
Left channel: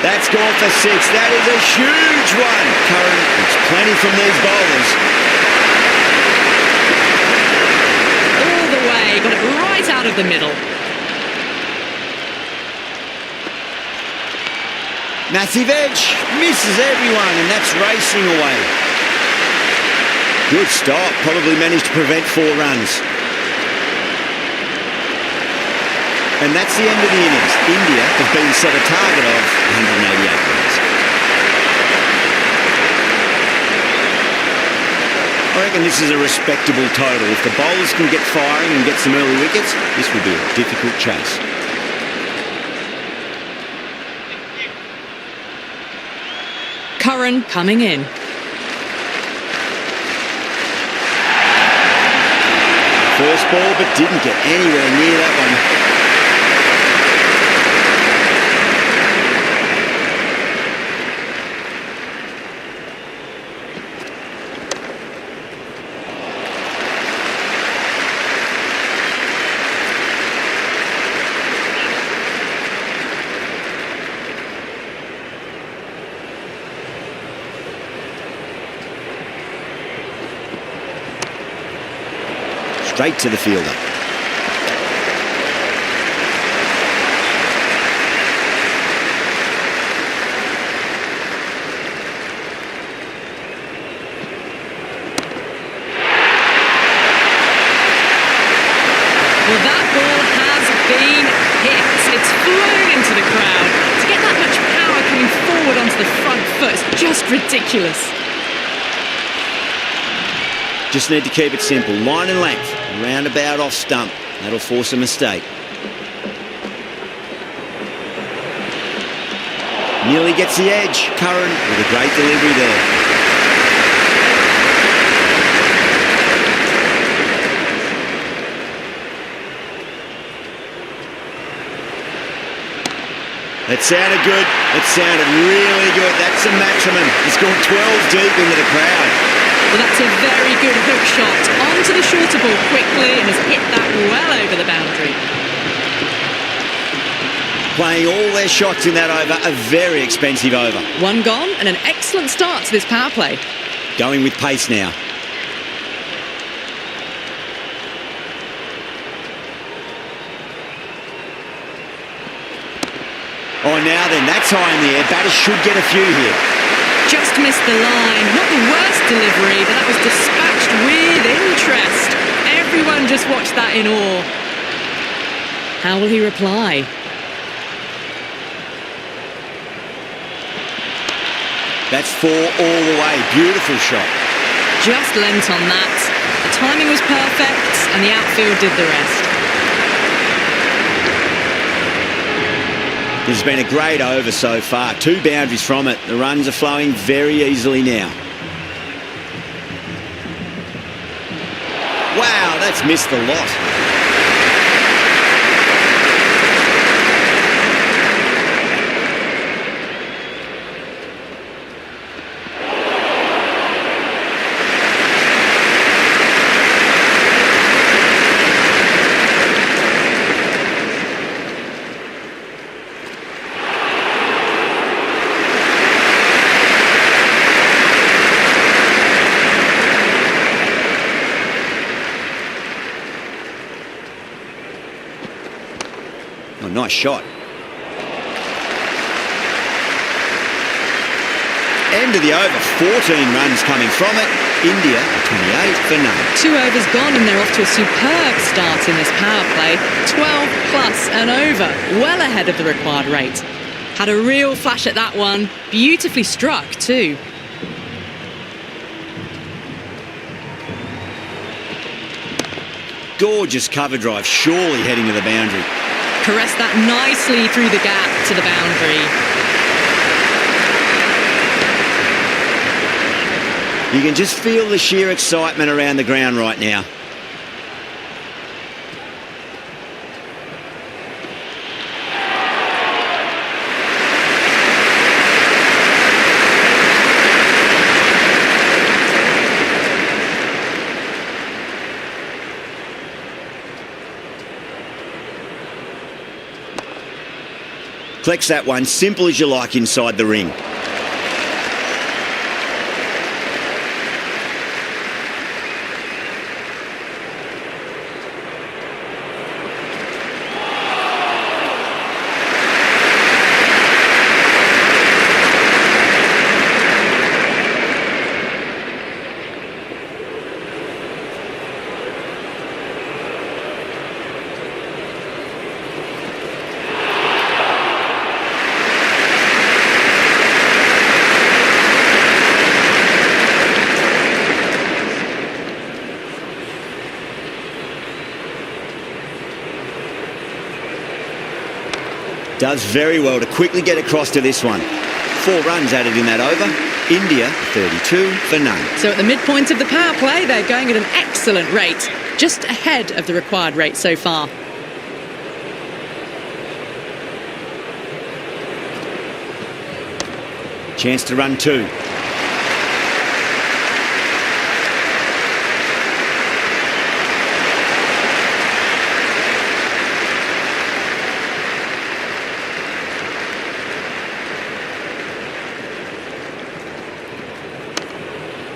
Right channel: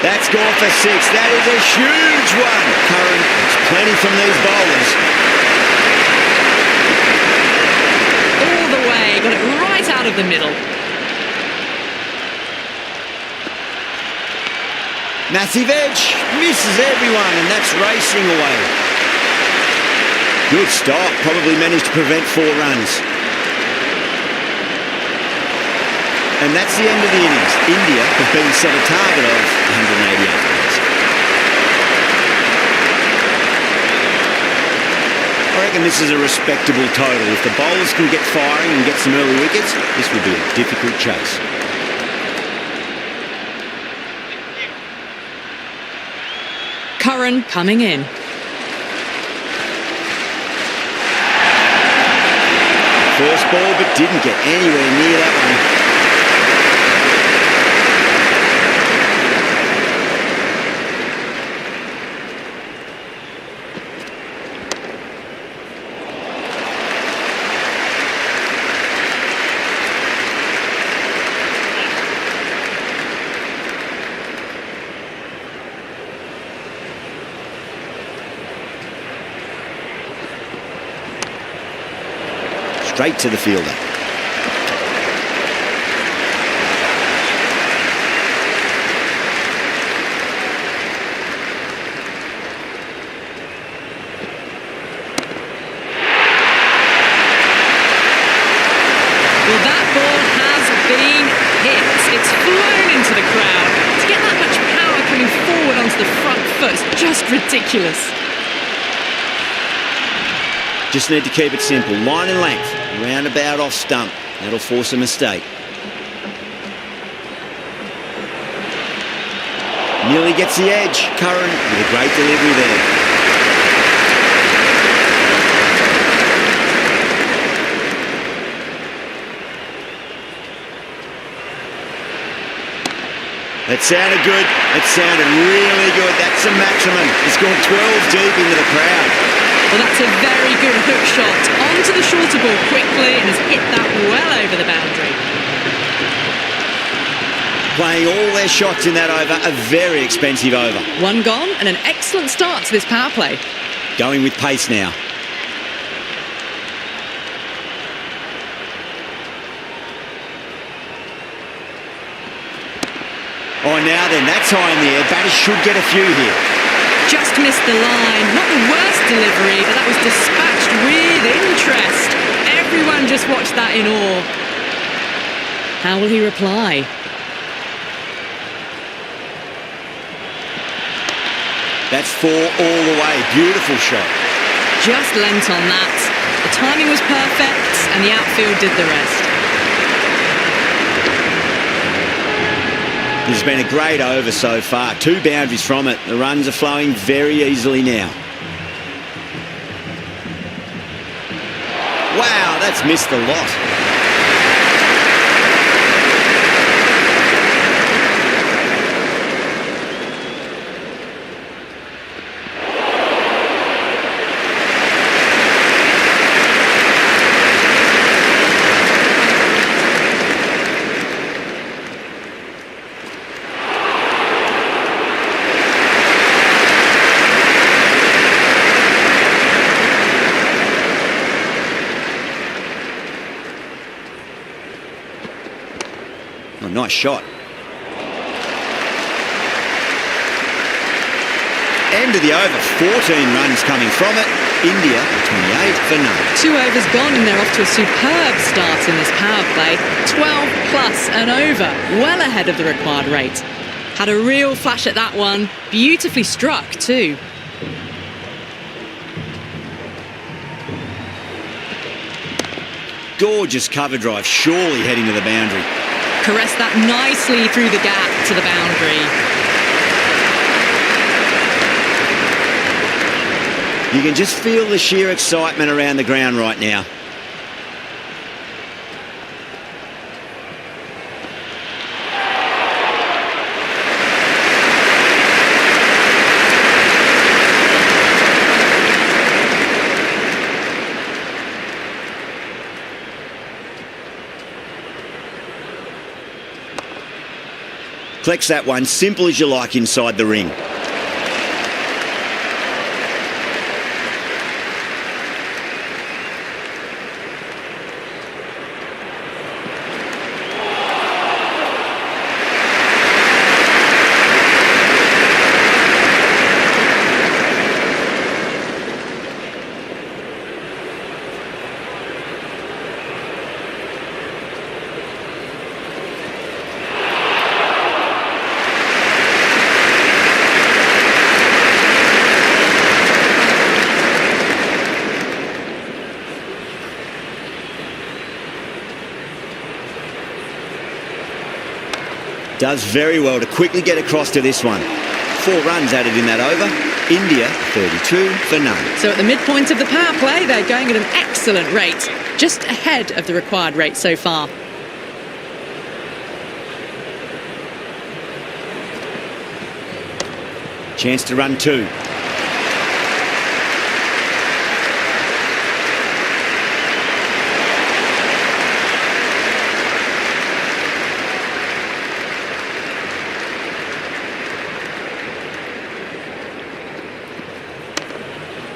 That's gone for 6. That is a huge one. Curran, it's plenty from these bowlers. All the way, got it right out of the middle. Massive edge, misses everyone, and that's racing away. Good stop, probably managed to prevent 4 runs. And that's the end of the innings. India have been set a target of 188 runs. I reckon this is a respectable total. If the bowlers can get firing and get some early wickets, this will be a difficult chase. Curran coming in. First ball, but didn't get anywhere near that one. Straight to the fielder. Well, that ball has been hit. It's flown into the crowd. To get that much power coming forward onto the front foot is just ridiculous. Just need to keep it simple. Line and length. Roundabout off stump. That'll force a mistake. Nearly gets the edge. Curran with a great delivery there. That sounded good. It sounded really good. That's the maximum. It's gone 12 deep into the crowd. Well, that's a very good hook shot. Onto the shorter ball quickly and has hit that well over the boundary. Playing all their shots in that over, a very expensive over. One gone and an excellent start to this power play. Going with pace now. Oh, now then, that's high in the air. Batters should get a few here. Just missed the line. Not the worst delivery, but that was dispatched with interest. Everyone just watched that in awe. How will he reply? That's 4 all the way. Beautiful shot. Just lent on that. The timing was perfect and the outfield did the rest. This has been a great over so far. 2 boundaries from it. The runs are flowing very easily now. Wow, that's missed a lot. Oh, nice shot. End of the over, 14 runs coming from it. India, 28 for none. 2 overs gone and they're off to a superb start in this power play. 12 plus and over, well ahead of the required rate. Had a real flash at that one. Beautifully struck too. Gorgeous cover drive, surely heading to the boundary. Caressed that nicely through the gap to the boundary. You can just feel the sheer excitement around the ground right now. Collects that one, simple as you like inside the ring. Does very well to quickly get across to this one. 4 runs added in that over. India, 32 for none. So at the midpoint of the power play, they're going at an excellent rate, just ahead of the required rate so far. Chance to run 2.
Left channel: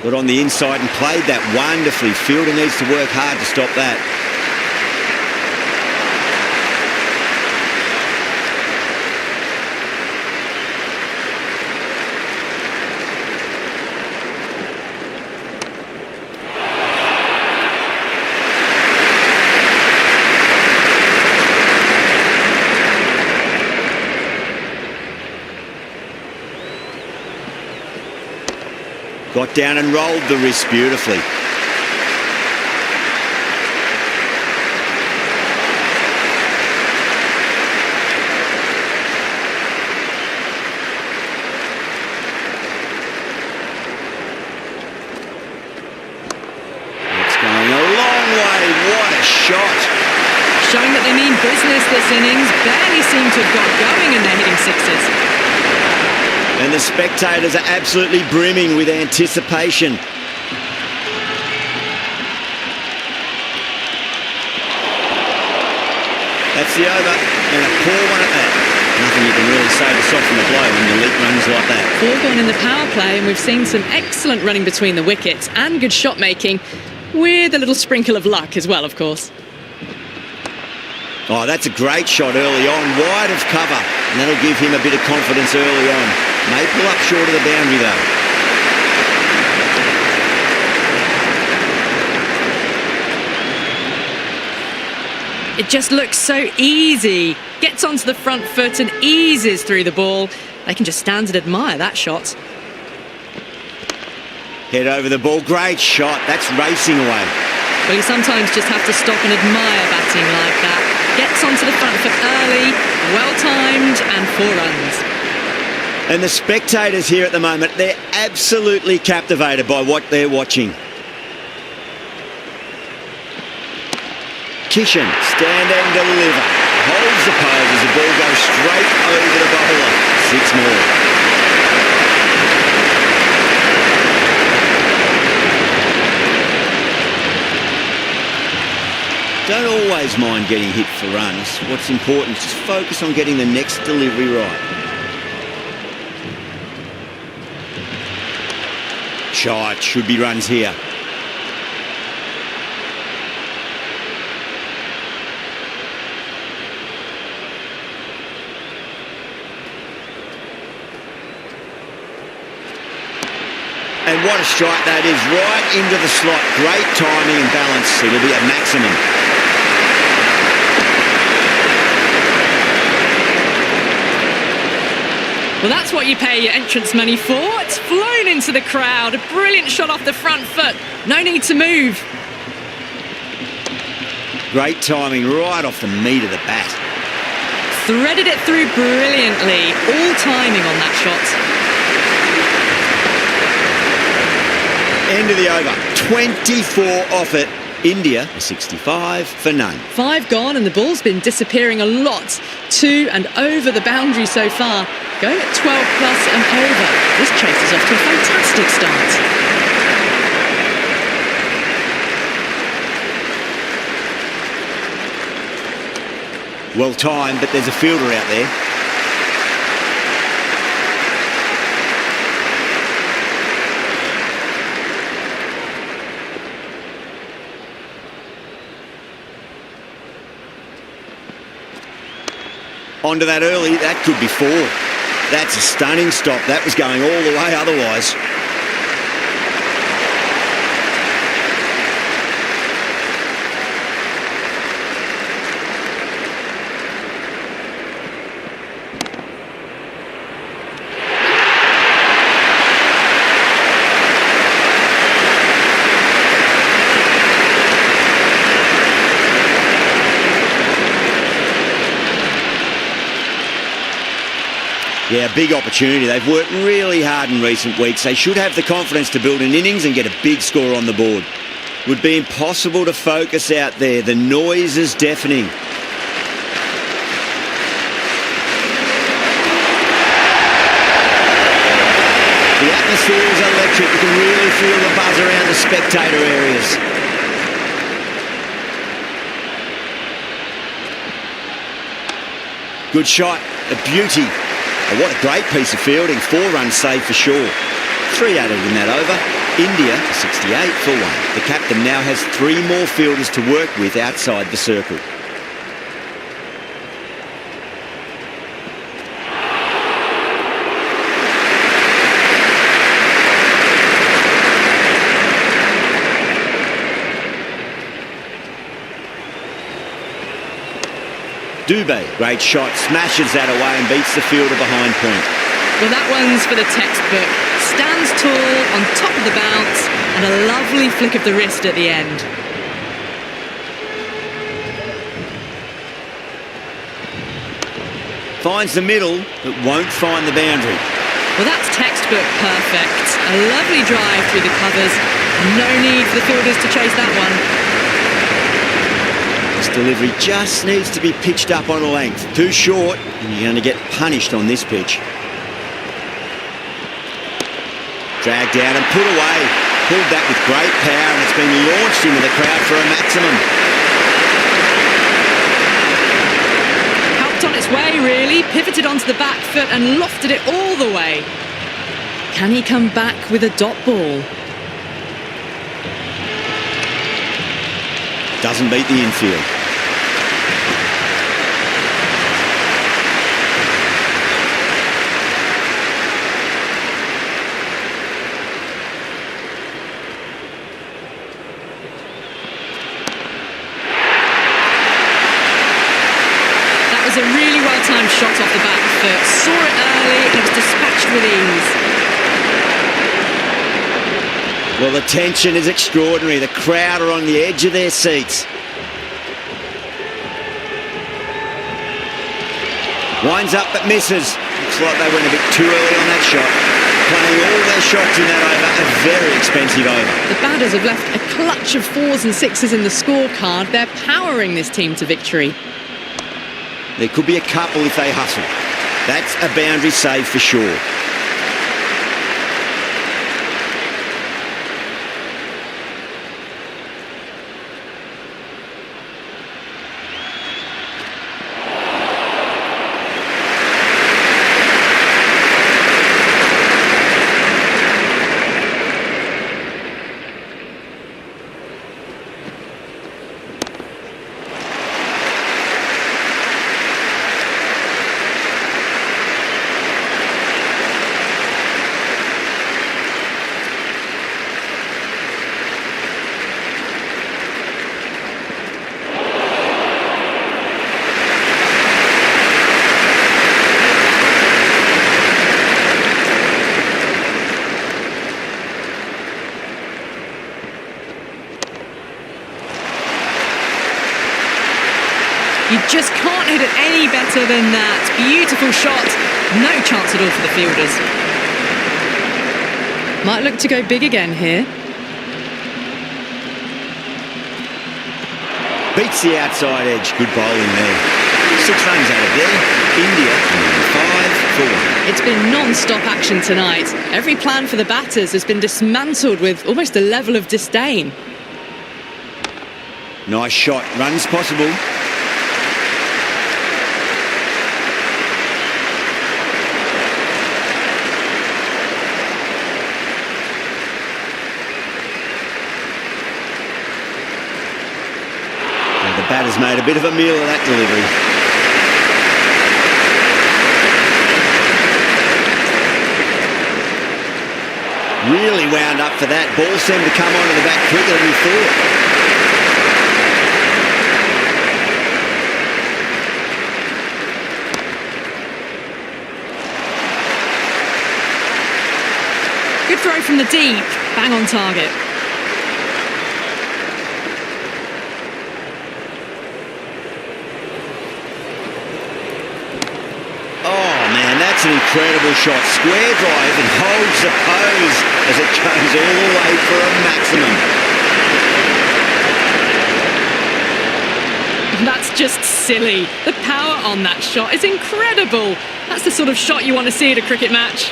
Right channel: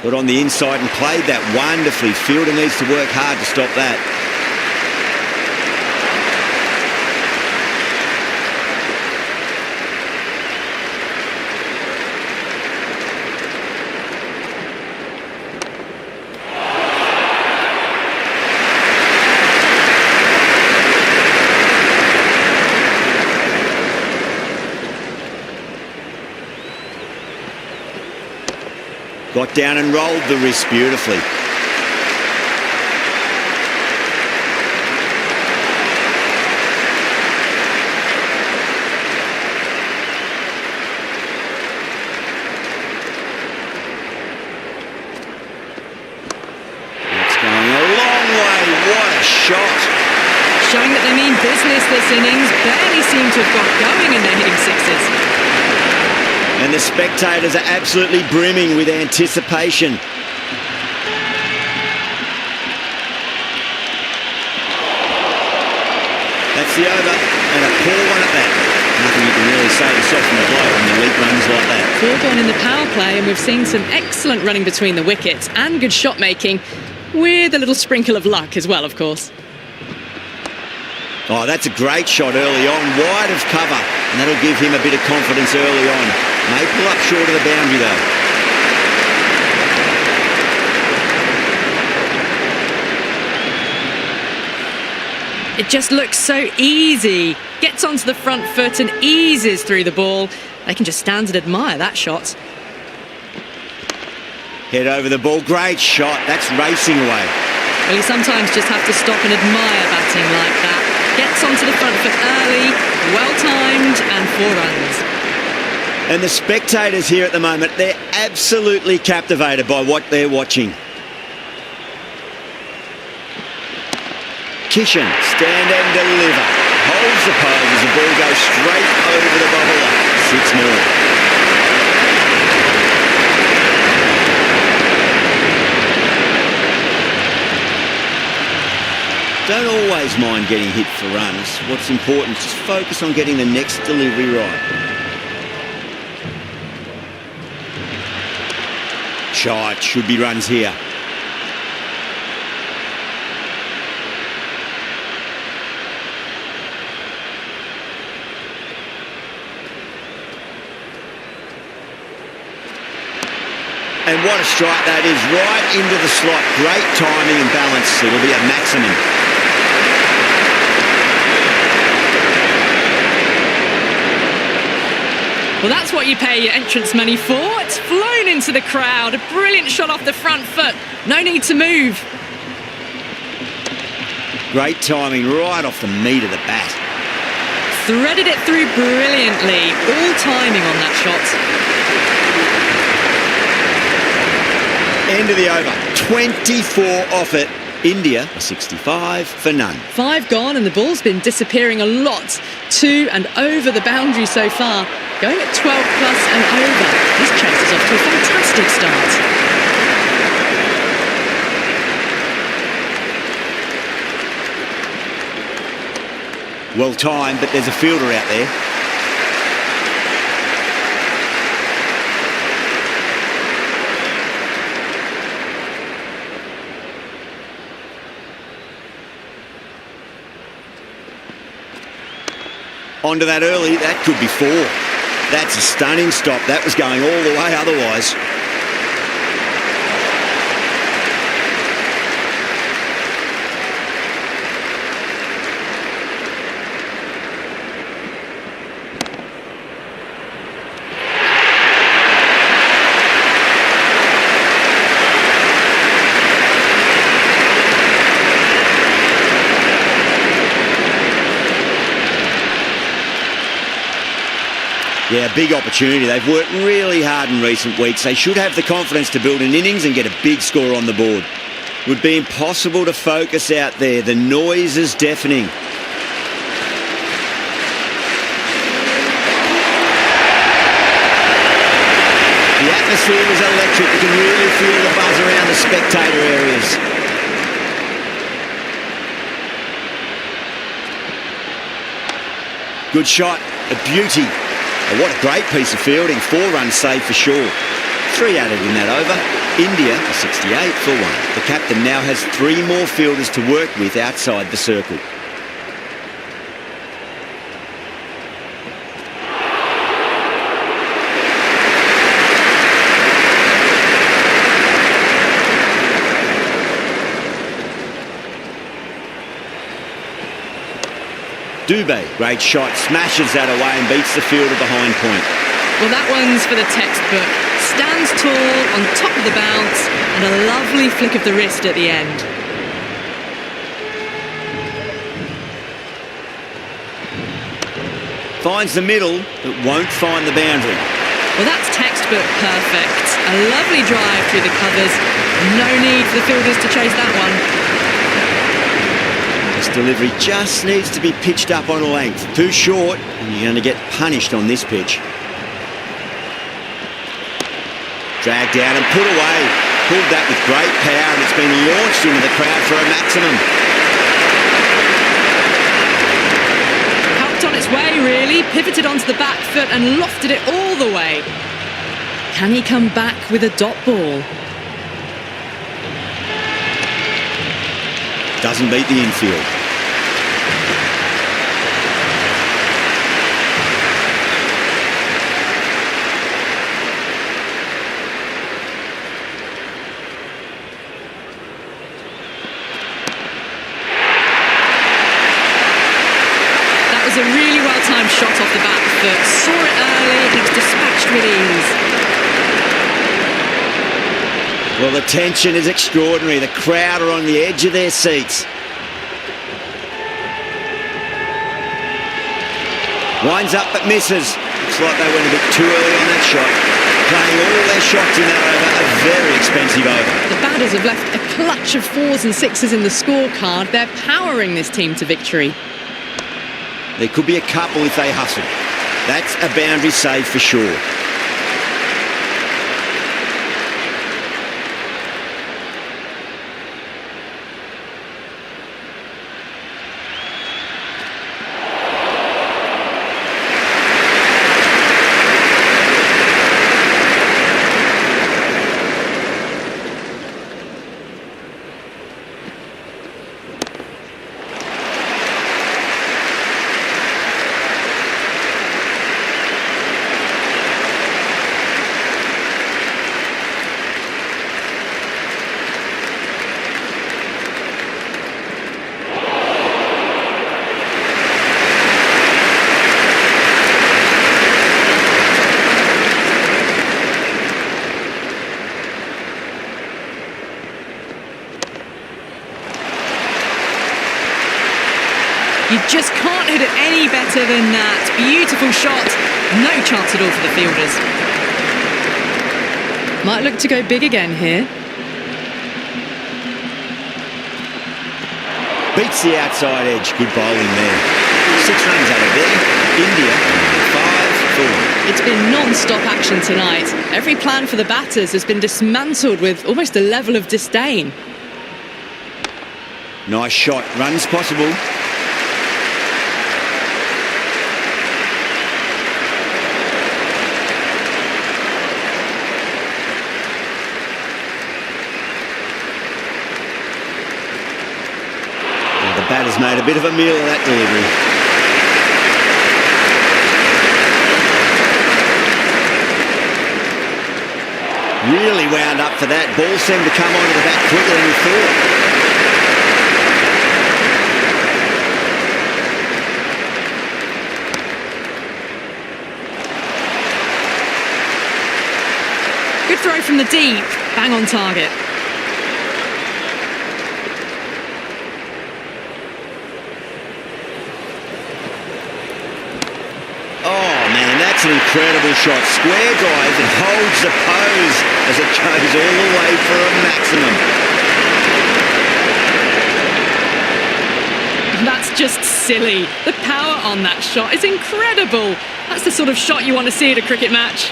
Got on the inside and played that wonderfully. Fielder needs to work hard to stop that. Got down and rolled the wrist beautifully. It's going a long way. What a shot. Showing that they mean business this innings. Barely seem to have got going and they're hitting sixes. And the spectators are absolutely brimming with anticipation. That's the over, and a poor one at that. Nothing you can really say to soften the blow when you leak runs like that. 4 gone in the power play, and we've seen some excellent running between the wickets and good shot making, with a little sprinkle of luck as well, of course. Oh, that's a great shot early on, wide of cover, and that'll give him a bit of confidence early on. May pull up short of the boundary though. It just looks so easy. Gets onto the front foot and eases through the ball. They can just stand and admire that shot. Head over the ball, great shot, that's racing away. Well, you sometimes just have to stop and admire batting like that. Gets onto the front foot early, well-timed, and 4 runs. And the spectators here at the moment, they're absolutely captivated by what they're watching. Kishan, stand and deliver. Holds the pose as the ball goes straight over the bowler. 6 more. Don't always mind getting hit for runs. What's important is just focus on getting the next delivery right. Shot, should be runs here. And what a strike that is, right into the slot. Great timing and balance. It'll be a maximum. Well, that's what you pay your entrance money for. It's flown into the crowd. A brilliant shot off the front foot. No need to move. Great timing right off the meat of the bat. Threaded it through brilliantly. All timing on that shot. End of the over. 24 off it. India, a 65 for none. 5 gone and the ball's been disappearing a lot. To and over the boundary so far. Going at 12 plus and over. This chase is off to a fantastic start. Well timed, but there's a fielder out there. Onto that early, that could be 4. That's a stunning stop. That was going all the way otherwise. Yeah, big opportunity. They've worked really hard in recent weeks. They should have the confidence to build an innings and get a big score on the board. Would be impossible to focus out there. The noise is deafening. The atmosphere is electric. You can really feel the buzz around the spectator areas. Good shot, a beauty. Oh, what a great piece of fielding. 4 runs saved for sure. 3 added in that over. India, a 68 for 1. The captain now has 3 more fielders to work with outside the circle. Dubé, great shot, smashes that away and beats the fielder behind point. Well, that one's for the textbook. Stands tall on top of the bounce and a lovely flick of the wrist at the end. Finds the middle, but won't find the boundary. Well, that's textbook perfect. A lovely drive through the covers. No need for the fielders to chase that one. This delivery just needs to be pitched up on a length. Too short, and you're going to get punished on this pitch. Dragged down and put away. Pulled that with great power, and it's been launched into the crowd for a maximum. Helped on its way, really. Pivoted onto the back foot and lofted it all the way. Can he come back with a dot ball? Doesn't beat the infield. That was a really well-timed shot off the back foot. Saw it early and it was dispatched with ease. Well, the tension is extraordinary. The crowd are on the edge of their seats. Winds up but misses. Looks like they went a bit too early on that shot. Playing all their shots in that over, a very expensive over. The batters have left a clutch of 4s and 6s in the scorecard. They're powering this team to victory. There could be a couple if they hustle. That's a boundary save for sure. You just can't hit it any better than that. Beautiful shot. No chance at all for the fielders. Might look to go big again here. Beats the outside edge. Good bowling there. 6 runs out of there. India on 5 for 1. It's been non-stop action tonight. Every plan for the batters has been dismantled with almost a level of disdain. Nice shot. Runs possible. The batter's made a bit of a meal of that delivery. Really wound up for that. Ball seemed to come onto the bat quicker than he thought. Good throw from the deep. Bang on target. That's an incredible shot. Square drive and holds the pose as it goes all the way for a maximum. That's just silly. The power on that shot is incredible. That's the sort of shot you want to see at a cricket match.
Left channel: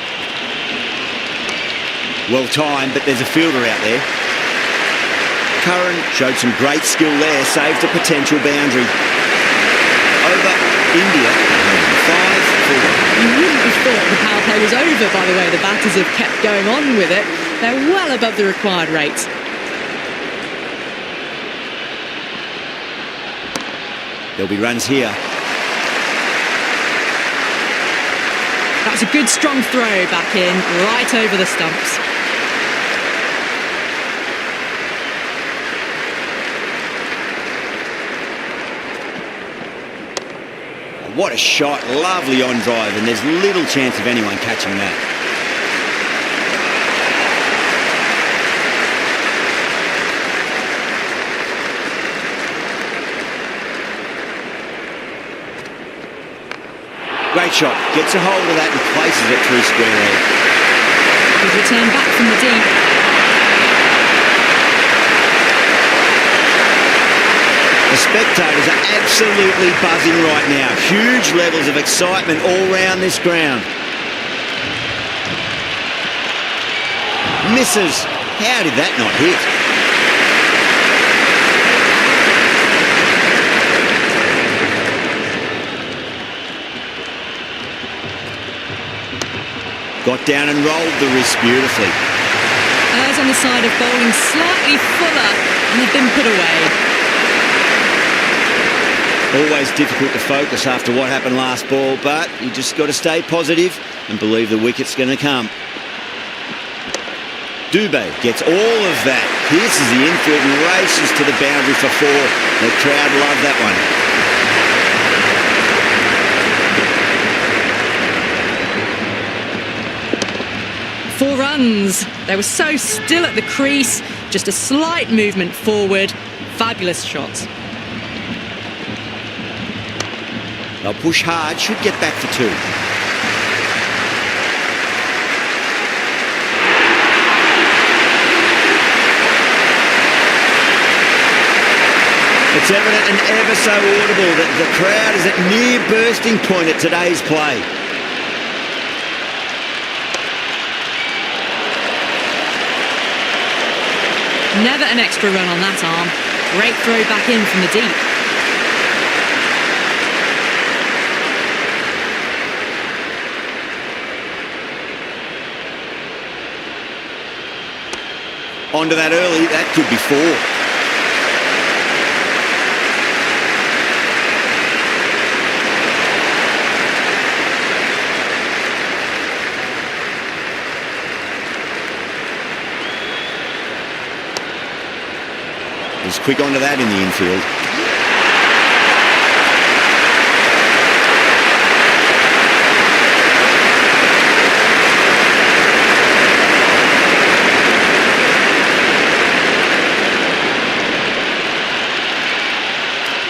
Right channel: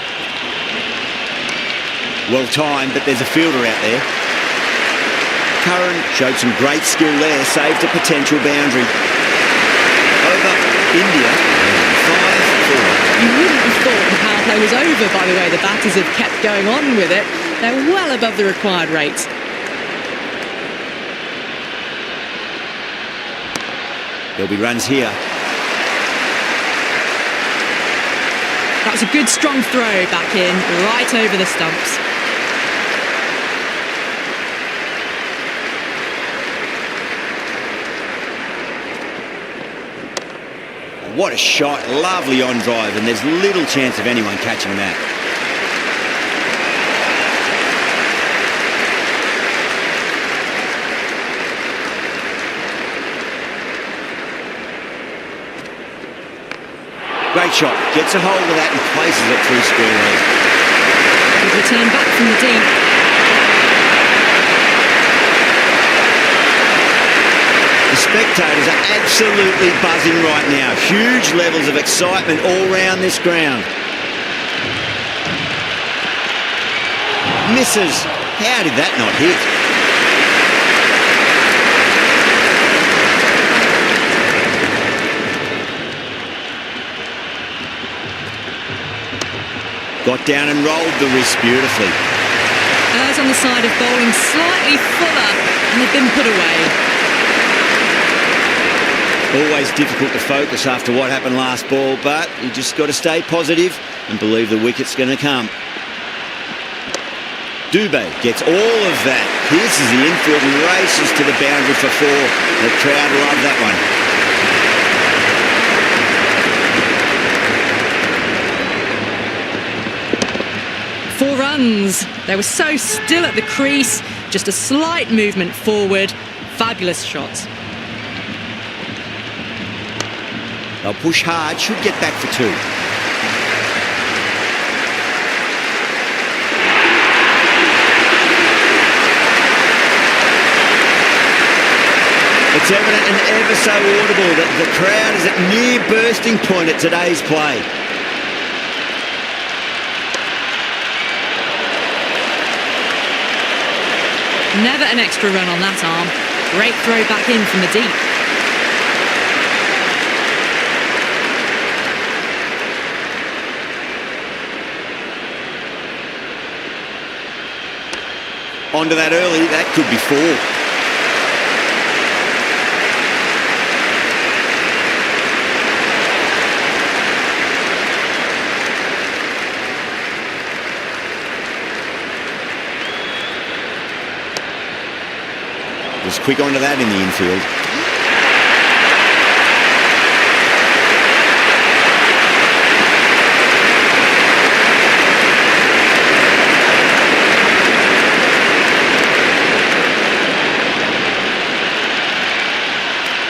Well timed, but there's a fielder out there. Curran showed some great skill there, saved a potential boundary. Over India, 105 for 1. You wouldn't have thought the power play was over by the way the batters have kept going on with it. They're well above the required rate. There'll be runs here. That was a good strong throw back in, right over the stumps. what a shot. Lovely on drive, and there's little chance of anyone catching that. Great shot. Gets a hold of that and places it through square leg. Good return back from the deep. The spectators are absolutely buzzing right now. Huge levels of excitement all round this ground. Misses. How did that not hit? Got down and rolled the wrist beautifully. Errs on the side of bowling slightly fuller, and they've been put away. Always difficult to focus after what happened last ball, but you just got to stay positive and believe the wicket's going to come. Dubé gets all of that, pierces the infield and races to the boundary for 4. The crowd love that one. Four runs. They were so still at the crease, just a slight movement forward. Fabulous shots. They'll push hard, should get back for 2. It's evident and ever so audible that the crowd is at near bursting point at today's play. Never an extra run on that arm. Great throw back in from the deep. Onto that early, that could be 4. Was quick onto that in the infield.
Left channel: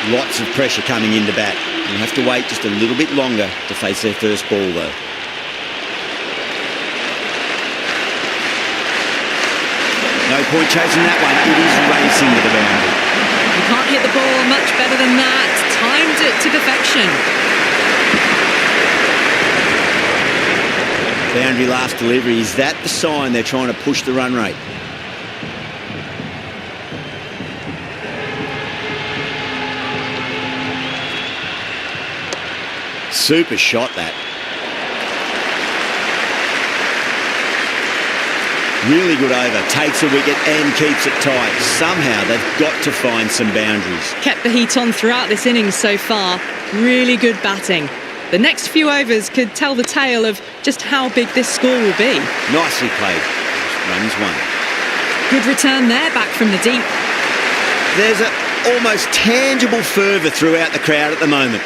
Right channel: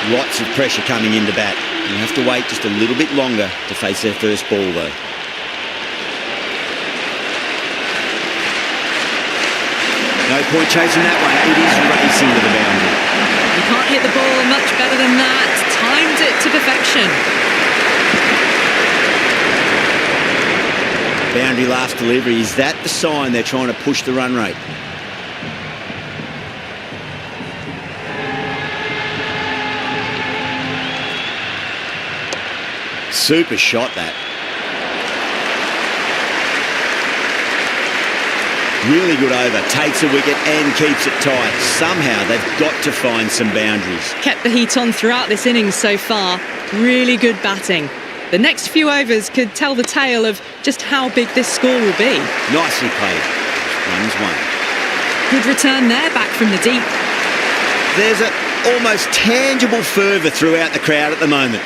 Lots of pressure coming into bat. You'll have to wait just a little bit longer to face their first ball though. No point chasing that one. It is racing to the boundary. You can't hit the ball much better than that. Timed it to perfection. Boundary last delivery. Is that the sign they're trying to push the run rate? Super shot that. Really good over, takes a wicket and keeps it tight. Somehow they've got to find some boundaries. Kept the heat on throughout this innings so far. Really good batting. The next few overs could tell the tale of just how big this score will be. Nicely played. Runs 1. Good return there, back from the deep. There's an almost tangible fervour throughout the crowd at the moment.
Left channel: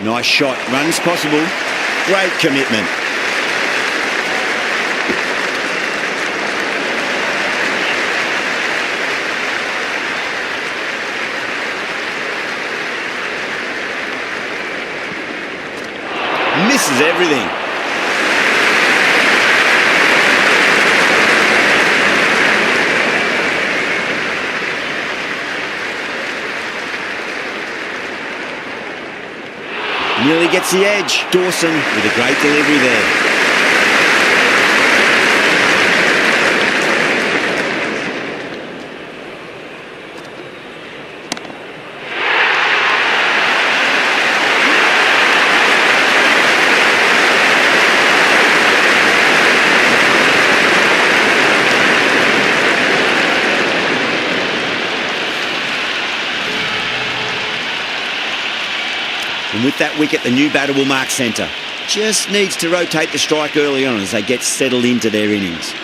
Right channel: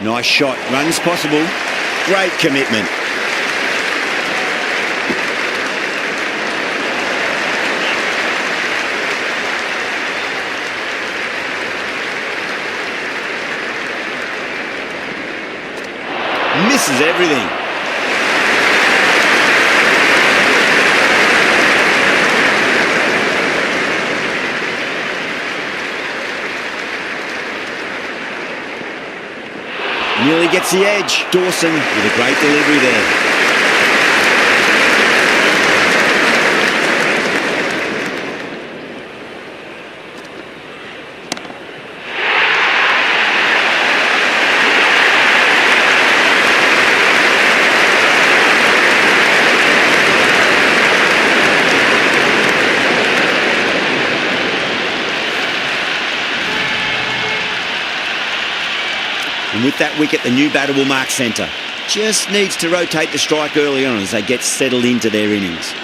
Nice shot. Runs possible. Great commitment. Misses everything. Nearly gets the edge. Dawson with a great delivery there. And with that wicket, the new batter will mark centre. Just needs to rotate the strike early on as they get settled into their innings.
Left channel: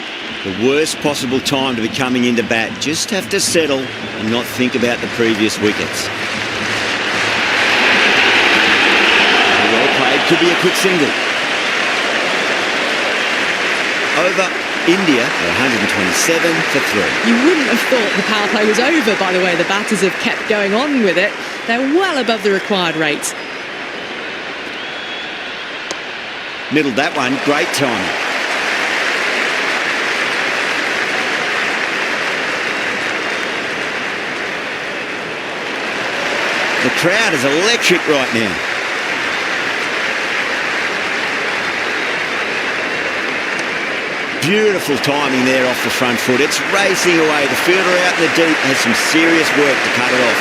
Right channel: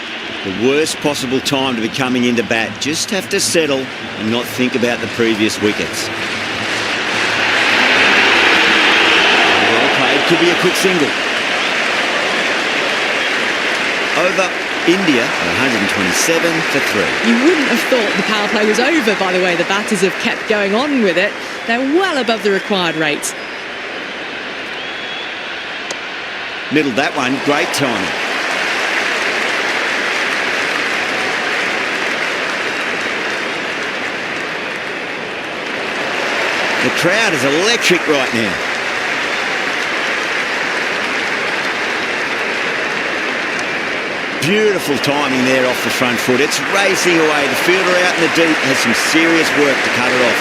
The worst possible time to be coming into bat. Just have to settle and not think about the previous wickets. Very well played. Could be a quick single. Over. India are 127 for 3. You wouldn't have thought the power play was over by the way the batters have kept going on with it. They're well above the required rate. Middled that one. Great timing. The crowd is electric right now. Beautiful timing there off the front foot. It's racing away. The fielder out in the deep has some serious work to cut it off.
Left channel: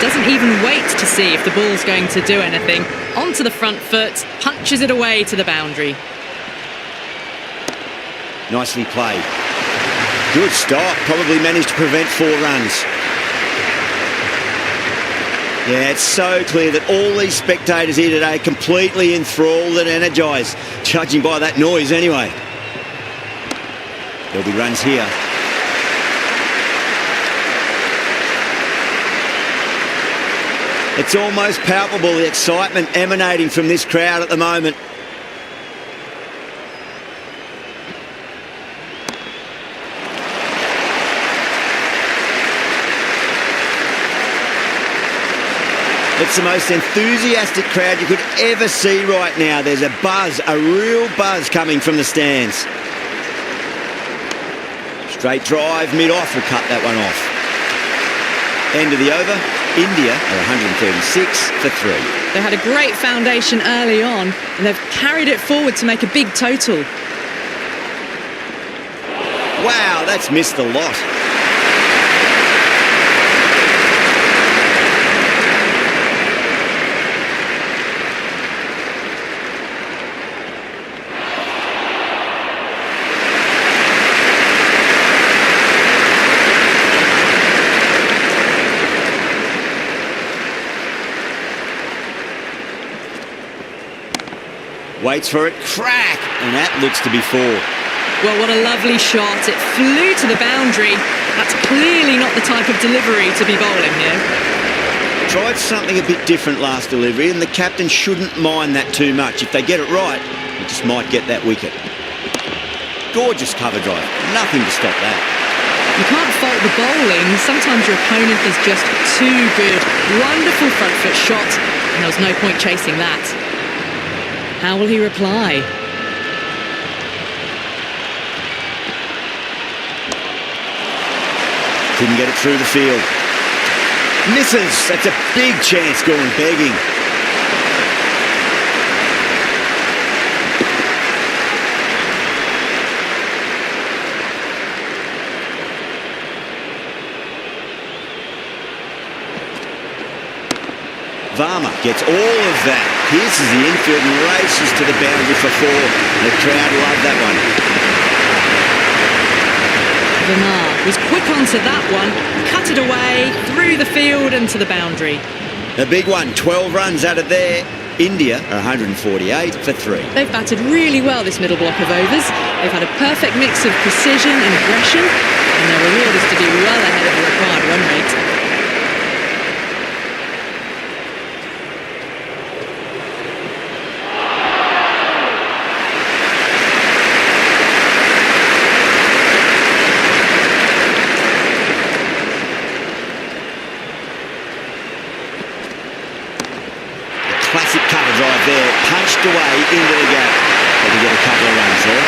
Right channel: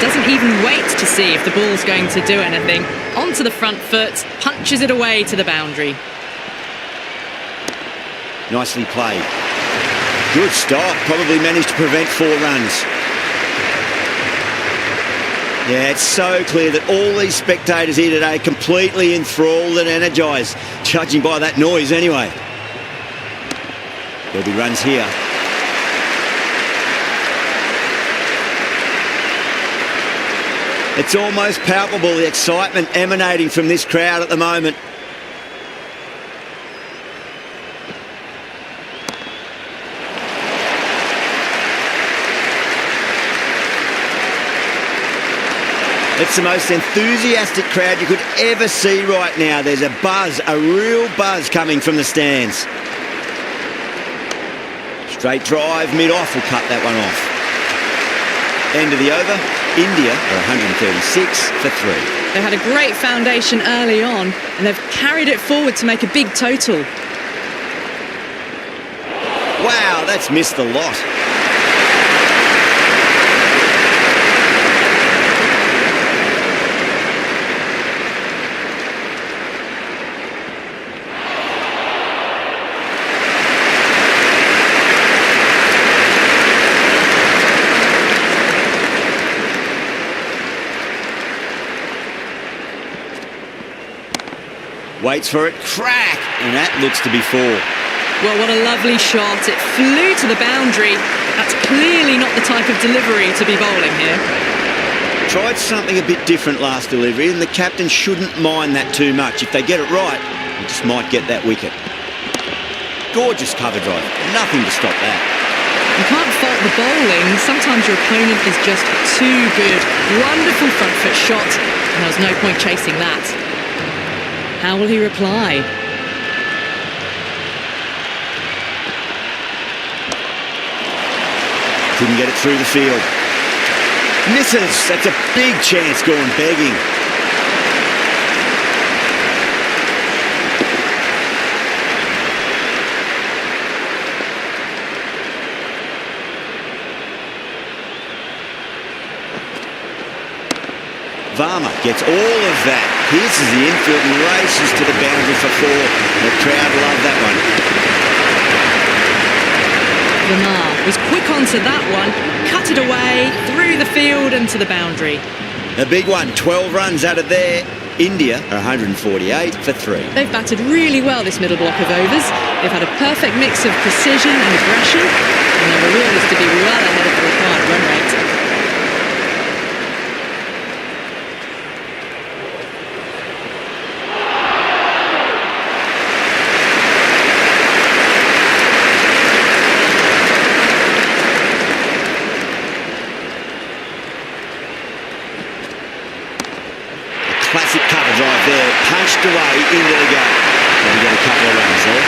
Doesn't even wait to see if the ball's going to do anything. Onto the front foot, punches it away to the boundary. Nicely played. Good stop. Probably managed to prevent 4 runs. Yeah, it's so clear that all these spectators here today are completely enthralled and energised, judging by that noise anyway. There'll be runs here. It's almost palpable, the excitement emanating from this crowd at the moment. It's the most enthusiastic crowd you could ever see right now. There's a buzz, a real buzz coming from the stands. Straight drive, mid-off will cut that one off. End of the over. India are 136 for 3. They had a great foundation early on and they've carried it forward to make a big total. Wow, that's missed the lot. Waits for it, crack, and that looks to be 4. Well, what a lovely shot. It flew to the boundary. That's clearly not the type of delivery to be bowling here. Tried something a bit different last delivery, and the captain shouldn't mind that too much. If they get it right, they just might get that wicket. Gorgeous cover drive. Nothing to stop that. You can't fault the bowling. Sometimes your opponent is just too good. Wonderful front foot shot, and there was no point chasing that. How will he reply? Couldn't get it through the field. Misses. That's a big chance gone begging. Varma gets all of that. Pierces the infield and races to the boundary for 4. The crowd love that one. Verma was quick onto that one, cut it away, through the field and to the boundary. A big one, 12 runs out of there. India are 148 for 3. They've batted really well this middle block of overs. They've had a perfect mix of precision and aggression, and their reward is to be well ahead of the required run rate. Classic cover drive there, punched away into the gap. Probably get a couple of runs there.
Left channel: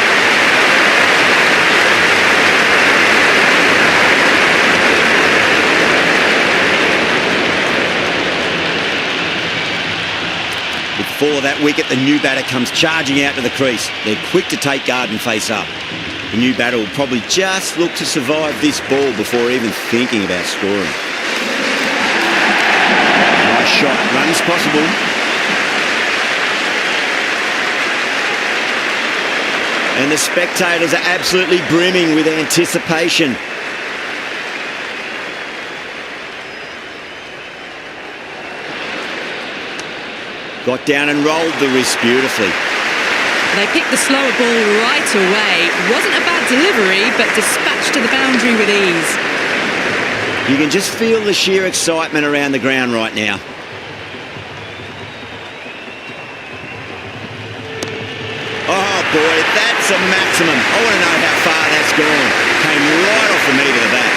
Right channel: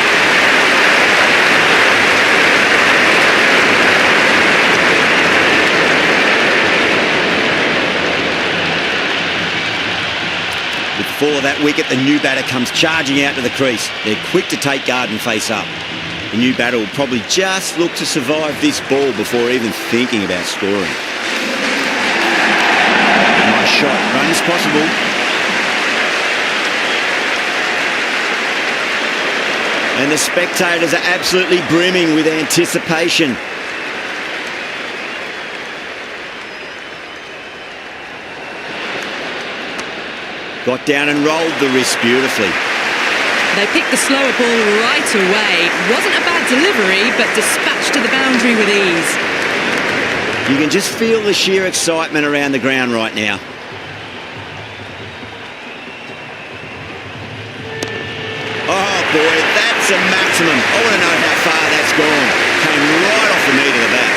With the fall of that wicket, the new batter comes charging out to the crease. They're quick to take guard and face up. The new batter will probably just look to survive this ball before even thinking about scoring. Nice shot, runs possible. And the spectators are absolutely brimming with anticipation. Got down and rolled the wrist beautifully. They picked the slower ball right away. Wasn't a bad delivery, but dispatched to the boundary with ease. You can just feel the sheer excitement around the ground right now. Oh boy, that's a maximum. I want to know how far that's gone. Came right off the meat of the bat.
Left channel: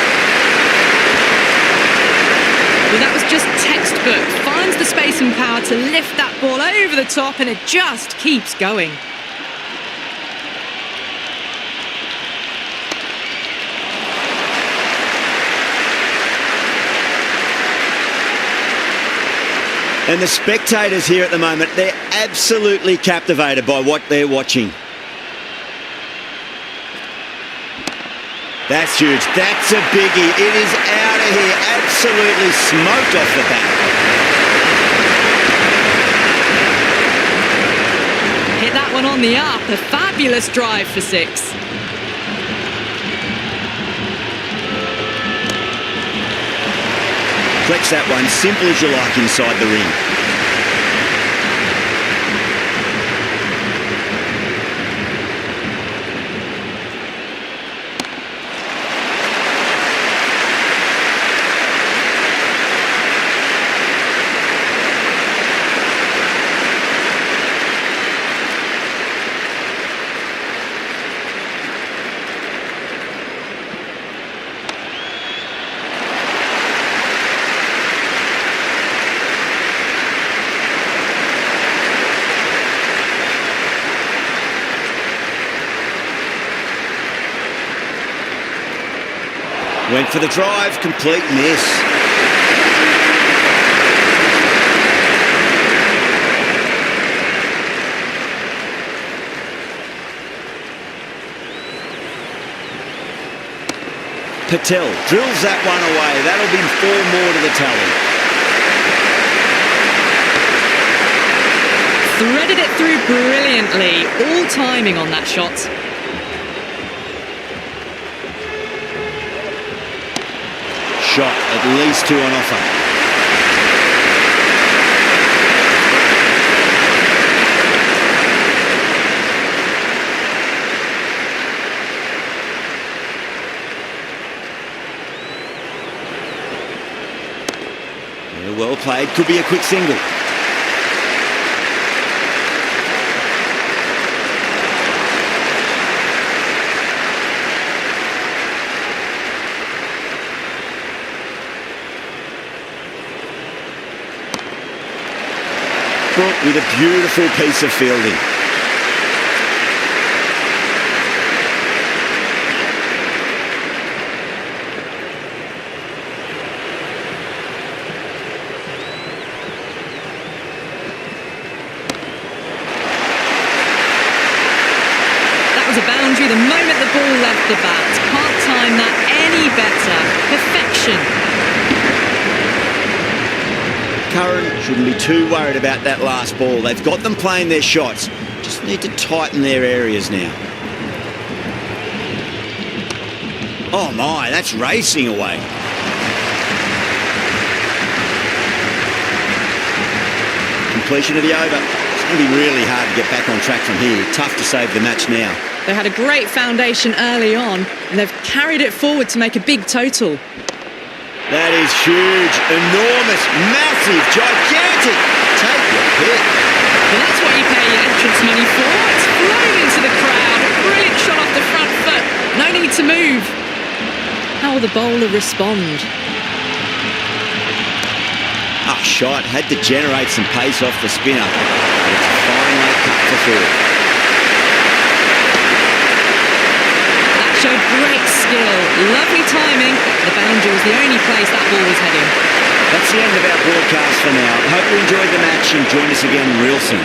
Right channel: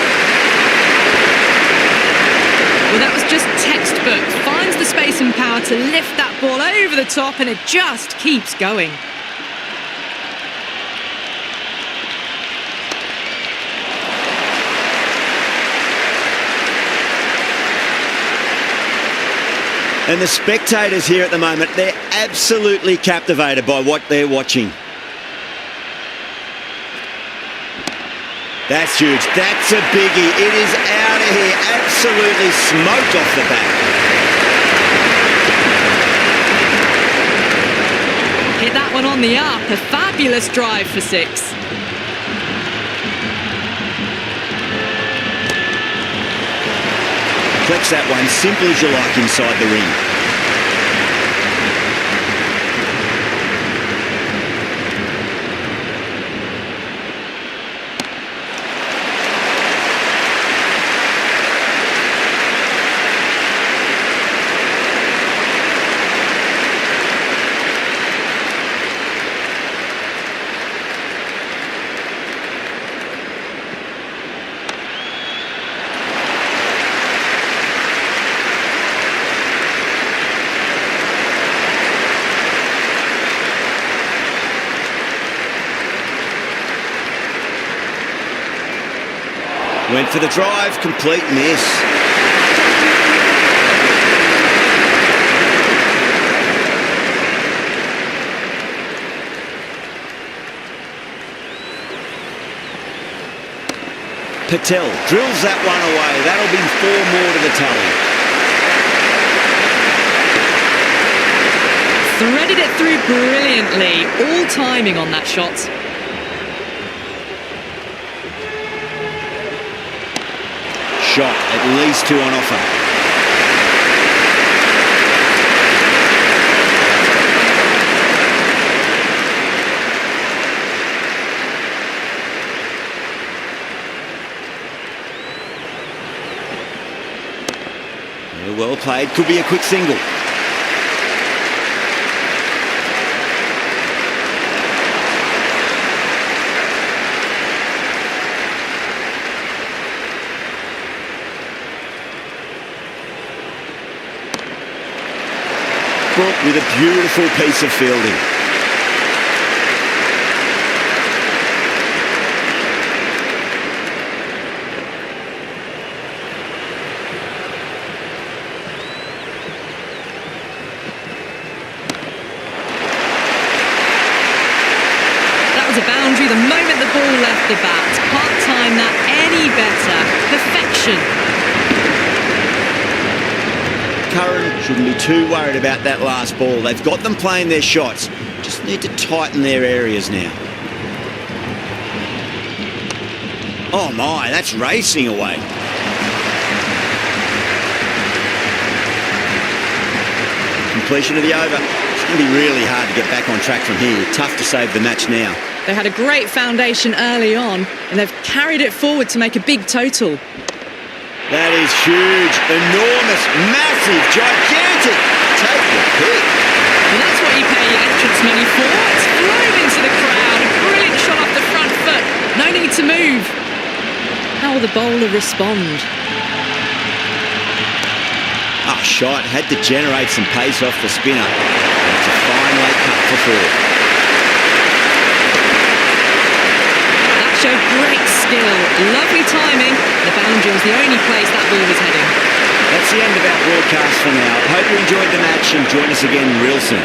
Well, that was just textbook. Finds the space and power to lift that ball over the top, and it just keeps going. And the spectators here at the moment, they're absolutely captivated by what they're watching. That's huge. That's a biggie. It is out of here. Absolutely smoked off the bat. Hit that one on the up. A fabulous drive for 6. Flex that one, simple as you like inside the ring. Went for the drive, complete miss. Patel drills that one away. That'll be 4 more to the tally. Threaded it through brilliantly. All timing on that shot. Shot, at least 2 on offer. Yeah, well played, could be a quick single. Brooke with a beautiful piece of fielding. That was a boundary the moment the ball left the bat. Can't time that any better. Perfection. Curran shouldn't be too worried about that last ball. They've got them playing their shots. Just need to tighten their areas now. Oh my, that's racing away. Completion of the over. It's going to be really hard to get back on track from here. Tough to save the match now. They had a great foundation early on, and they've carried it forward to make a big total. That is huge, enormous, massive, gigantic. Take your pick. Well, that's what you pay your entrance money for. It's flown into the crowd. A brilliant shot off the front foot. No need to move. How will the bowler respond? Oh, shot. Had to generate some pace off the spinner. But it's a fine late cut for 4. That showed great skill. Lovely timing. The boundary was the only place that ball was heading. That's the end of our broadcast for now. Hope you enjoyed the match and join us again real soon.